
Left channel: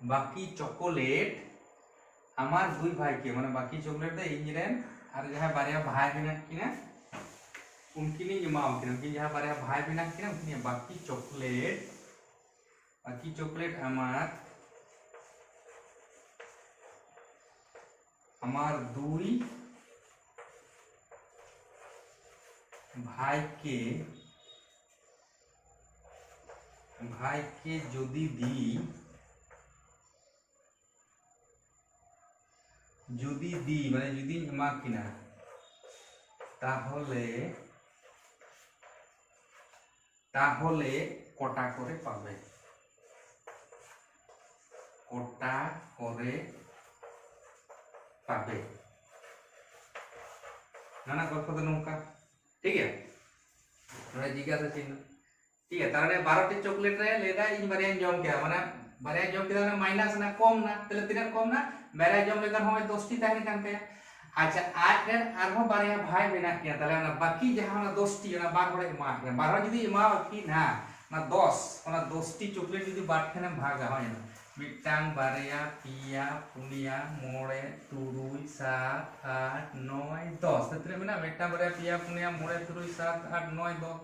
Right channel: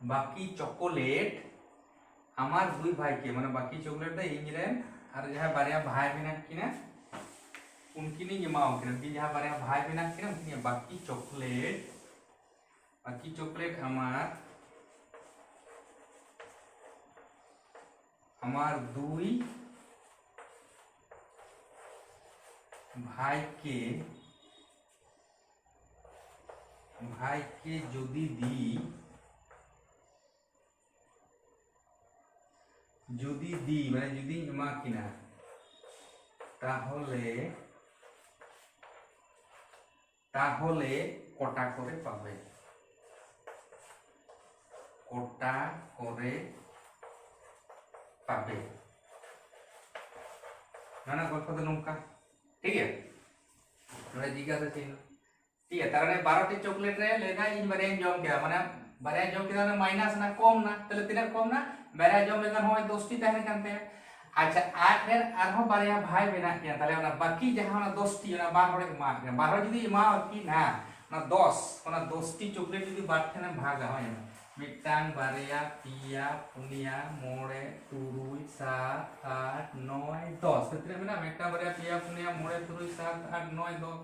বাকি চকোলেट আমার দুই ভাইকে মানে বাকি চকলেट दा इंजरेन और जहाँ बारे भाई बिना किना उनकी नहीं जमाओ किना कि जहाँ बारे भाई बिना किना उनकी बाकी चॉकलेट हमार दुई भाई के যদি দি মানে যদি এমা কিনা তাহলে কটা করে পাবে, কটা করে পাবে ना गल्प तो नौका ठीक है थोड़ा जिज्ञासा चिन्ह ठीक है तार 12टी चॉकलेट रे लेदा इन बारे जम के माने बारे जम के ना माइनस ना कम ना तले तिना कम ना बारे जम लेकर होय 10टी ताहे कानते अच्छा आज रे आरो बारे भाई बेना किया तले ना बाकी जहां ना 10टी ना 12 रे मा के 12 जदी मा की ना 10 ना 10टी चॉकलेट जदी बाट खाने भाग होय मिटांग बारिया पिया पुनिया मोड़े तुरुई 7 8 9 10 तत्रे में ना मिटांग बारिया पिया पुनिया मोड़े तुरुई 7 8 9 10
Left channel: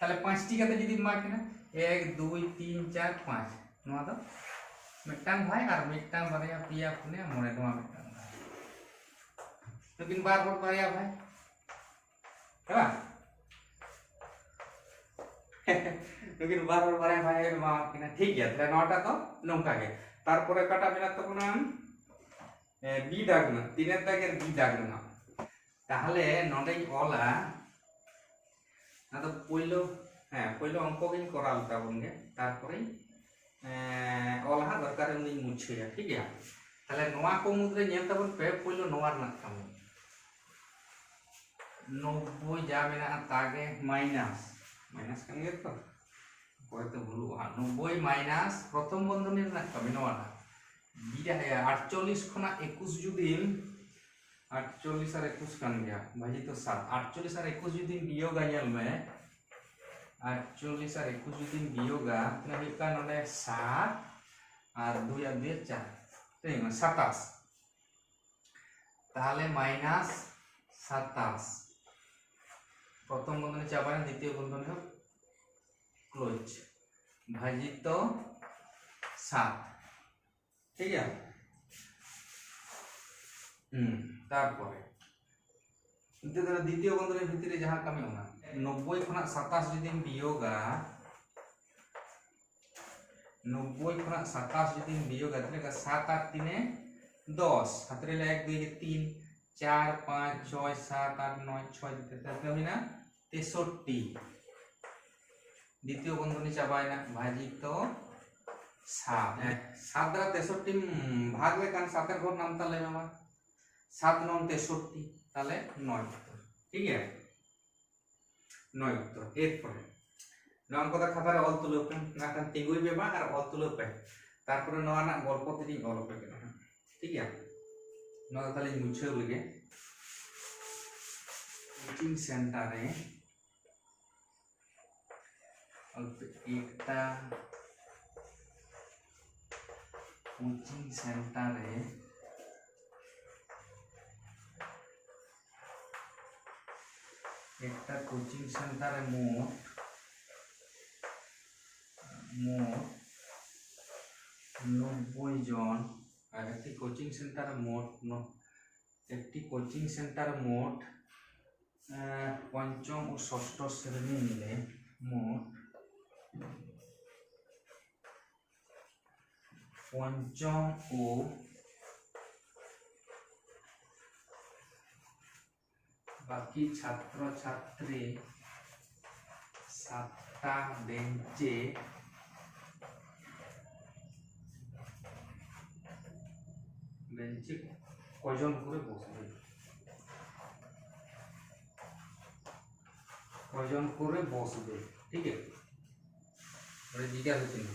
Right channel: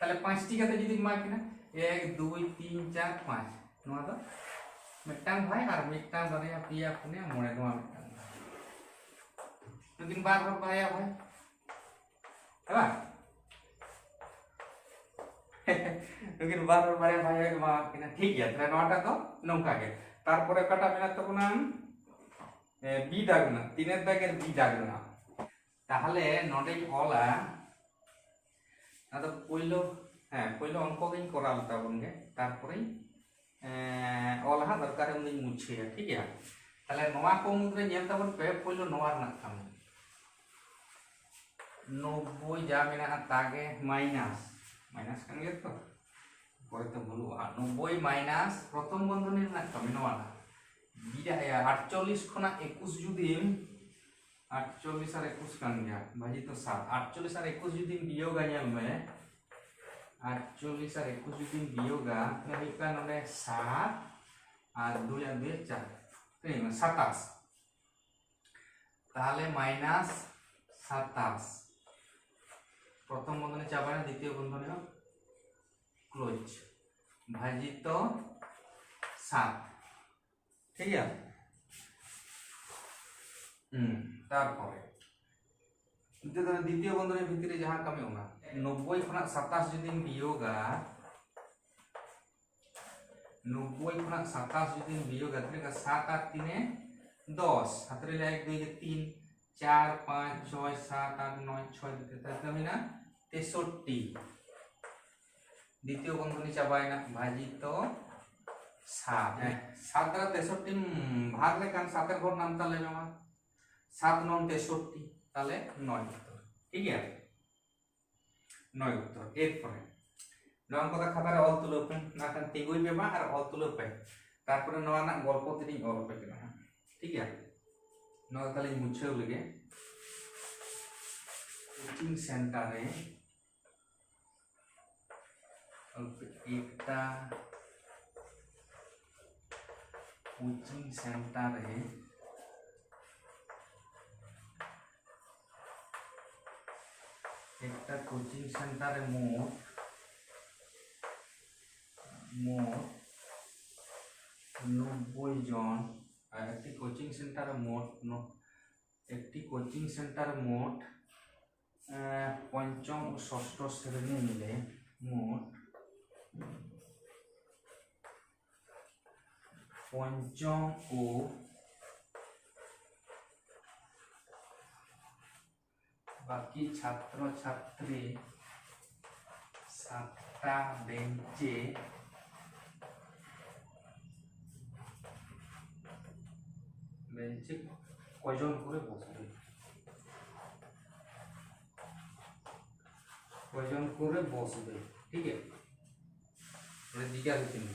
ताले 5टी कते जदी मा केना 1 2 3 4 5 नोआ तो मिटांग भाई और मिटांग बारिया पिया पुनिया मोड़े नोआ मिटांग लेकिन बार बार बारिया भाई है लेकिन बार बार बारे भाई मा किना ठीक है तले नोटा तो नौका के तारपरे काटा मेना तबना बी दागना तीनेर दागेर बी दागना ताहले नोडे ओला आदो पयलो पयलो अंक गिन कराल ताबनगे तारपरे ओला दरकार उनी मुछे ठीक है ताहले नोआ को मुद्रे नेल ताबन पे पयलो नोआ रना खामो 90 जा मेना तागे माइनस kan gitu পরে তো বলবো 90 মাইনাস প্রথম বন্ধনীর না কমে নওয়াটা বিটা है 48 খনা 21 যদি 48 আর 21 কান গয়া ভাজি তো 7 48 আর 21 যদি বিয়োগ আইয়াল মে 48 আর 21 যদি বিয়োগা তাহলে হিকা নডে 7 আর 2 আর 2 4 তাই না 27 তাহলে মাইনাস 27 প্রথম বন্ধনী চাপায় না দ্বিতীয় বন্ধনী হোক क्लोज भाजित 7 ठीक है तारपरे द्वितीय बंधনের ভিতরে যাহা কামে আমরা 90 খনা 27 যদি বিয়োগা 90 খনা 27 যদি বিয়োগা তাহলে 7 আর 3 10 হাতরে 1 2 3 4 5 6 7 8 9 6 দিতে তাহলে আমি না 63 দ্বিতীয় বন্ধনী চাবায় না ভাজিত 7 7 দ্বারা 63 ভাগ লে কারণ 7 এর ঘর নাম তাহলে আমার 7 9 63 তাহলে 9 উত্তর ঠিক আছে 9 উত্তর এরপরে নয় কথা খাতারে অল তুলপন না কারণ তিগুই বেমা আর অল তুলপে তারপরে নয়া না গল্প তিনি গল্প কেনা ঠিক আছে নয় তাহলে মুছে লগে কোচিং সেন্টারে एकटा कोचिंग सेंटर है एकटा कोचिंग सेंटर है मोट 90 जन और एक कोचिंग सेंटर मोट একটি কোচিং সেন্টার মোট পঞ্চম ও ষষ্ঠ শ্রেণী মিলে মোট পঞ্চম ও বাকি ছাত্র ছাত্রী 7টা বেঞ্চে কয়জন করে বসবে কয়জন করে বসবে ঠিক আছে জিজ্ঞাসা চিহ্ন।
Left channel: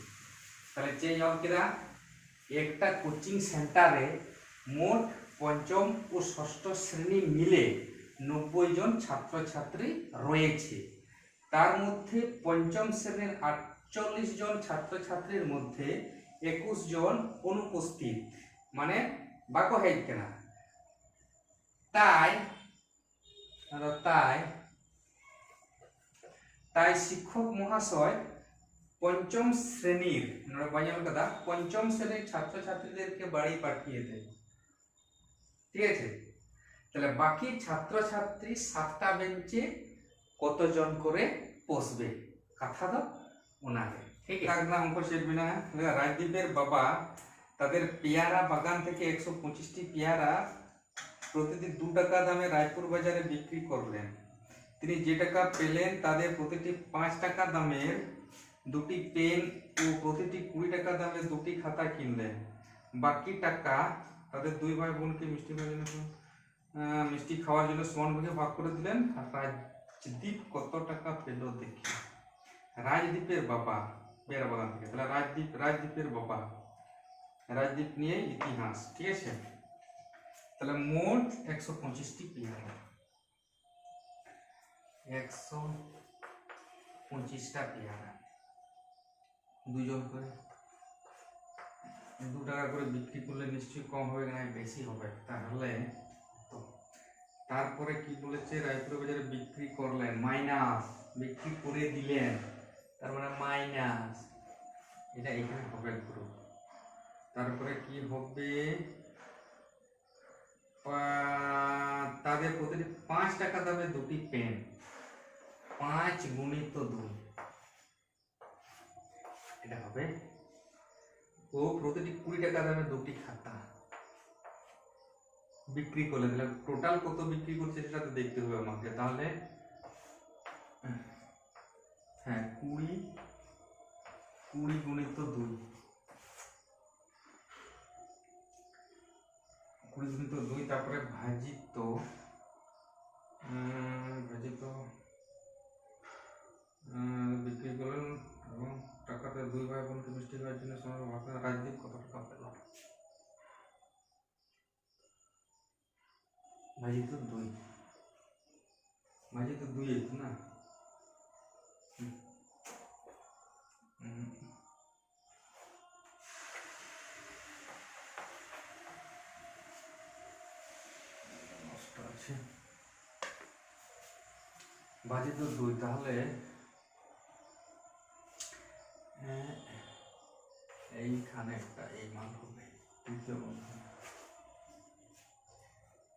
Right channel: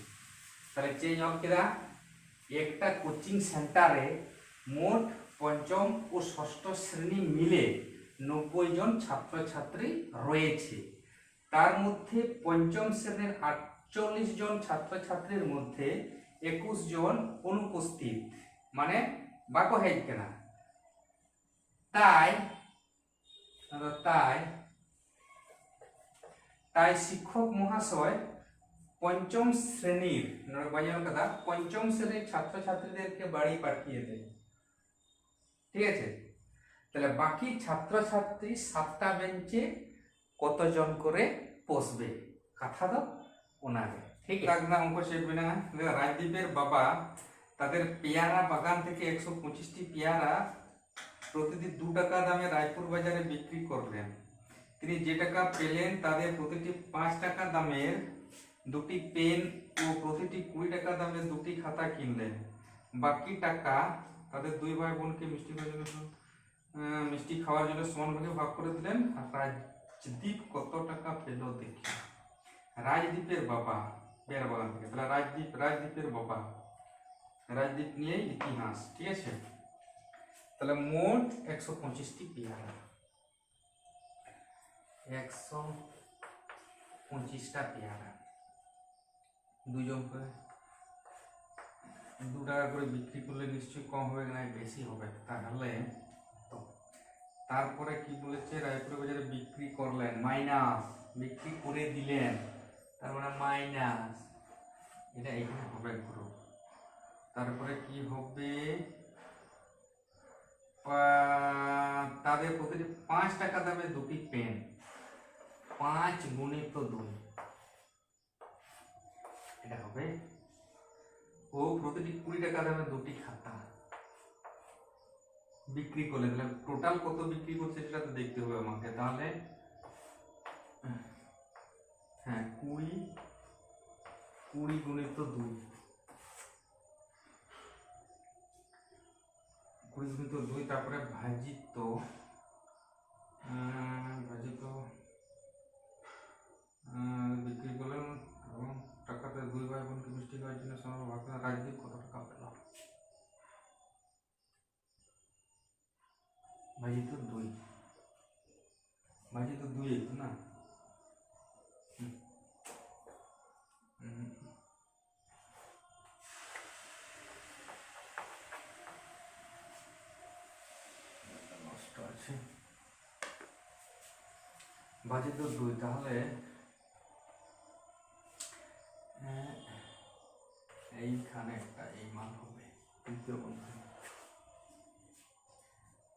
তাহলে চেঞ্জ হল কিনা একটা কোচিং সেন্টারে মোট পঞ্চম ও ষষ্ঠ শ্রেণী মিলে 90 জন ছাত্রছাত্রী রয়েছে। তার মধ্যে পঞ্চম শ্রেণীর 48 জন ছাত্রছাত্রীর মধ্যে 21 জন অনুপস্থিত, মানে বাক্য হেড কেনা। তাই তাই তাই শিক্ষক মহাশয় পঞ্চম শ্রেণীর কথা পঞ্চম শ্রেণীর ছাত্রছাত্রীদেরকে বাড়ি পাঠিয়ে দেন। ঠিক আছে, তাহলে বাকি ছাত্রছাত্রী 7টা বেঞ্চে কতজন করে বসবে কথা দাও ওনারে। ঠিক আছে, অঙ্ক শিখবি না। রাজদীপের বাবা তাদের পেয়ারা বাগান থেকে 125টি পেয়ারা প্রতিটি 2 টাকা দামে রায়পুর বাজারে বিক্রি করলেন। তিনি যে টাকা পেলেন তাদের প্রতিটি 5 টাকা দামের 2টি পেন ও প্রতিটি 20 টাকা দামের 2টি খাতা কিনলেন। বাকি টাকা তাদের 2 ভাই বোনকে মিষ্টি খাওয়ার জন্য সমান ভাগে ভাগ করে দিলেন। রাজদীপ কত টাকা পেল দেখি। রাজদীপের বাবা পেয়ারা বাগান থেকে, তাহলে রাজদীপের বাবা, রাজদীপ নিয়ে ইতিহাস। ঠিক আছে, তাহলে মোট 125টি পেয়ারা, 125টা পেয়ারা 2 জন করে 2 টাকা করে বিক্রি করলে নিশ্চয়ই কম হবে না, বেশি হবে। তাহলে তারপরে কি বলেছে, রায়পুর বাজারে বিক্রি করলেন মাইনাস বিক্রি করে দিলেন, তার মানে মাইনাস এটা এখানে হবে পুরো। তারপরে কি হবে, তাদের প্রতিটি 5 টাকা দামে 2টি পেন, 5 গুণিত 2 এটা হবে, ও প্রতিটি 20 টাকা দামে 2টি খাতা বিক্রি করলে। তাহলে টোটাল কত বিক্রি করছে সেটা তো দেখতে হবে আমাকে। তাহলে হ্যাঁ 20 গুণিত 2, 20 গুণিত 2, তারপরে ভাজিত বিক্রি করলেন এবং টাকাতে 2 ভাই বোনকে মিষ্টি খাওয়ার জন্য সমান ভাগ। রাজদীপ কত টাকা পেল ভাজিত 2, ভাজিত 2 না, ভাজিত 2, তাহলে এইখানে একটা এই মান হবে তৃতীয় বন্ধনী।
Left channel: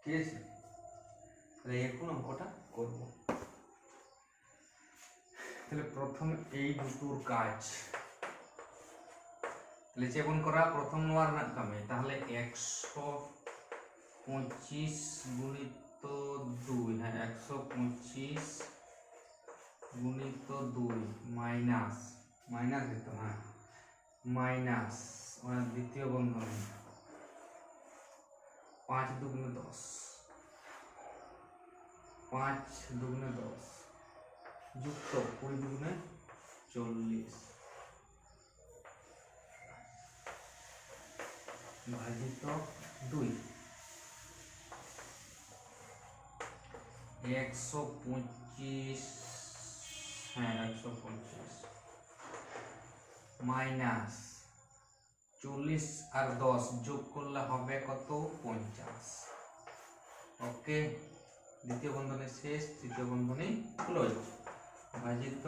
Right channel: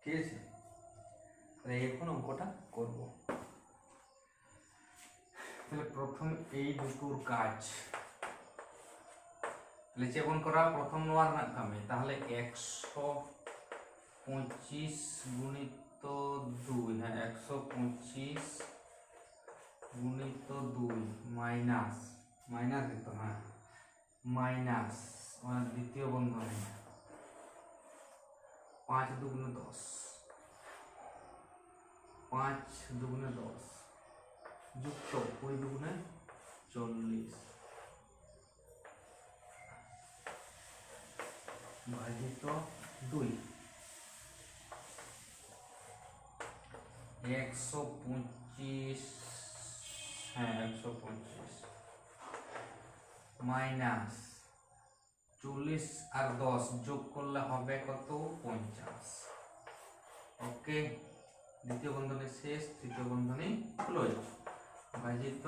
ঠিক আছে, তাহলে এখন অঙ্কটা করব। তাহলে প্রথম এই দুটোর কাজ তাহলে চেপন করা, প্রথম নেওয়ার নাকামে। তাহলে 125 গুণিত 2, হ্যাঁ 125 গুণিত 2 মাইনাস দিত, হ্যাঁ মাইনাস দ্বিতীয় বন্ধনী 5 দুগুণে 10, 5 দুগুণে 10 যুক্ত 20 দুগুণে 40 ভাজিত 2, 125, হ্যাঁ 125 মাইনাস 40 আর 10 যোগ করলে হবে কত, 50। ওকে, দ্বিতীয় বন্ধনী শেষ, তৃতীয় বন্ধনী ক্লোজ। ভাজিত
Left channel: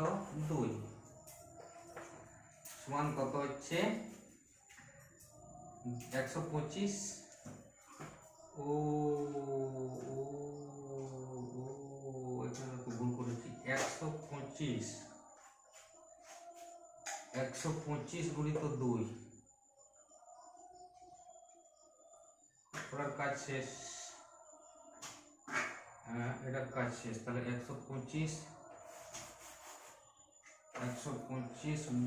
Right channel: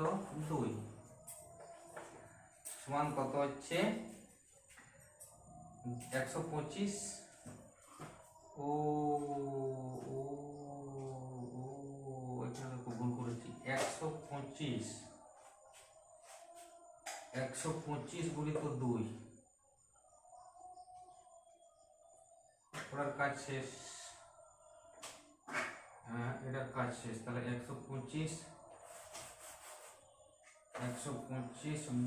2 সমান কত হচ্ছে 125, ও এখানে ভুল করেছি, 125 গুণিত 2, পরের কাজ শেষ, এটার কাজ শেষ। তাহলে 125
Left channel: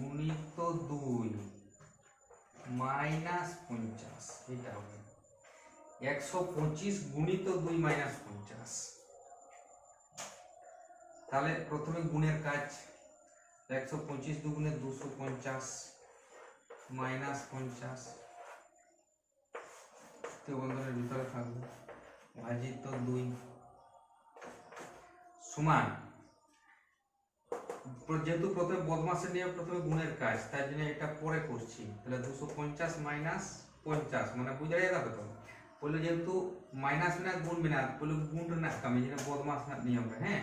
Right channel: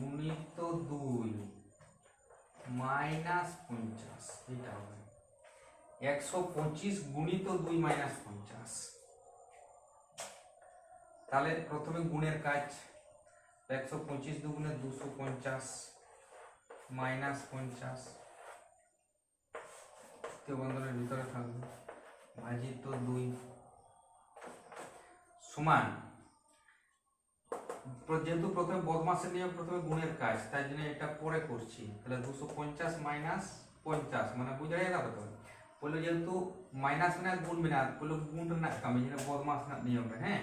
গুণিত 2 মাইনাস 50, এটা হবে 125 গুণিত 2 মাইনাস 50। তাহলে প্রথমে গুণের কাজ, 125 দুগুণে 250 মাইনাস 50 তৃতীয় বন্ধনের ভিতরে থাকবে ভাজিত 2 সমান, যেহেতু প্রথমে বদমাসের নিয়ে প্রথমে গুণের কাজ, তাই জন্য এটা পরে করছি। তাহলে 250 মাইনাস 50 মানে বুঝে যাবে তো। বললো যেহেতু মাইনাস না গুণবে না, বললো গুণ না কামি, যেটা বদমাস না নিয়ম হ্যাঁ।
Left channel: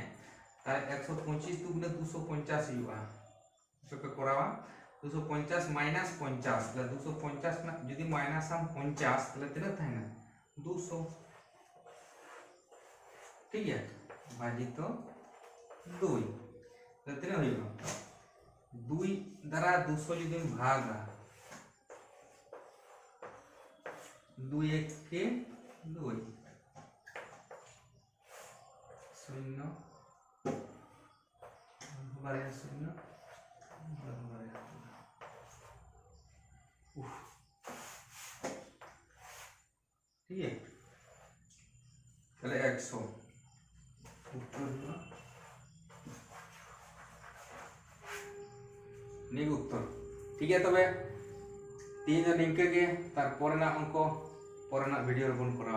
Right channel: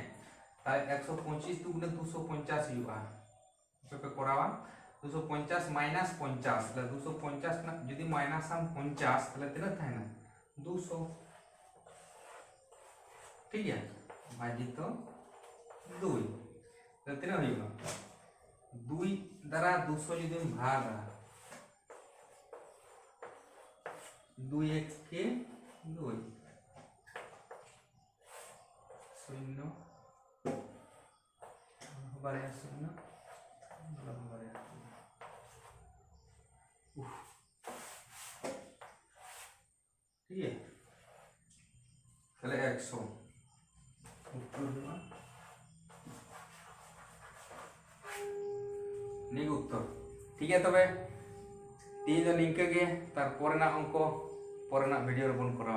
তাই 125 দুগুণে 250 হইবা, এটাকে করাবা 250 মাইনাস 50, তাহলে 250 না যদি মাইনাস আম 50 তাহলে তেনা থাকে না 200, ঠিক আছে ভাজিত 2, তাহলে তেনা হইবা 2 দ্বারা 200 যদি ভাগ 2 1 কে 2 শূন্য বারে শূন্য বারে ঠিক আছে, তাহলে 100 উত্তর হলো নিক উত্তর। ঠিক আছে তবে তিনজন নিমকে গিয়ে তারপরে না অঙ্ক পরে না ভিডিও রোপণ করা।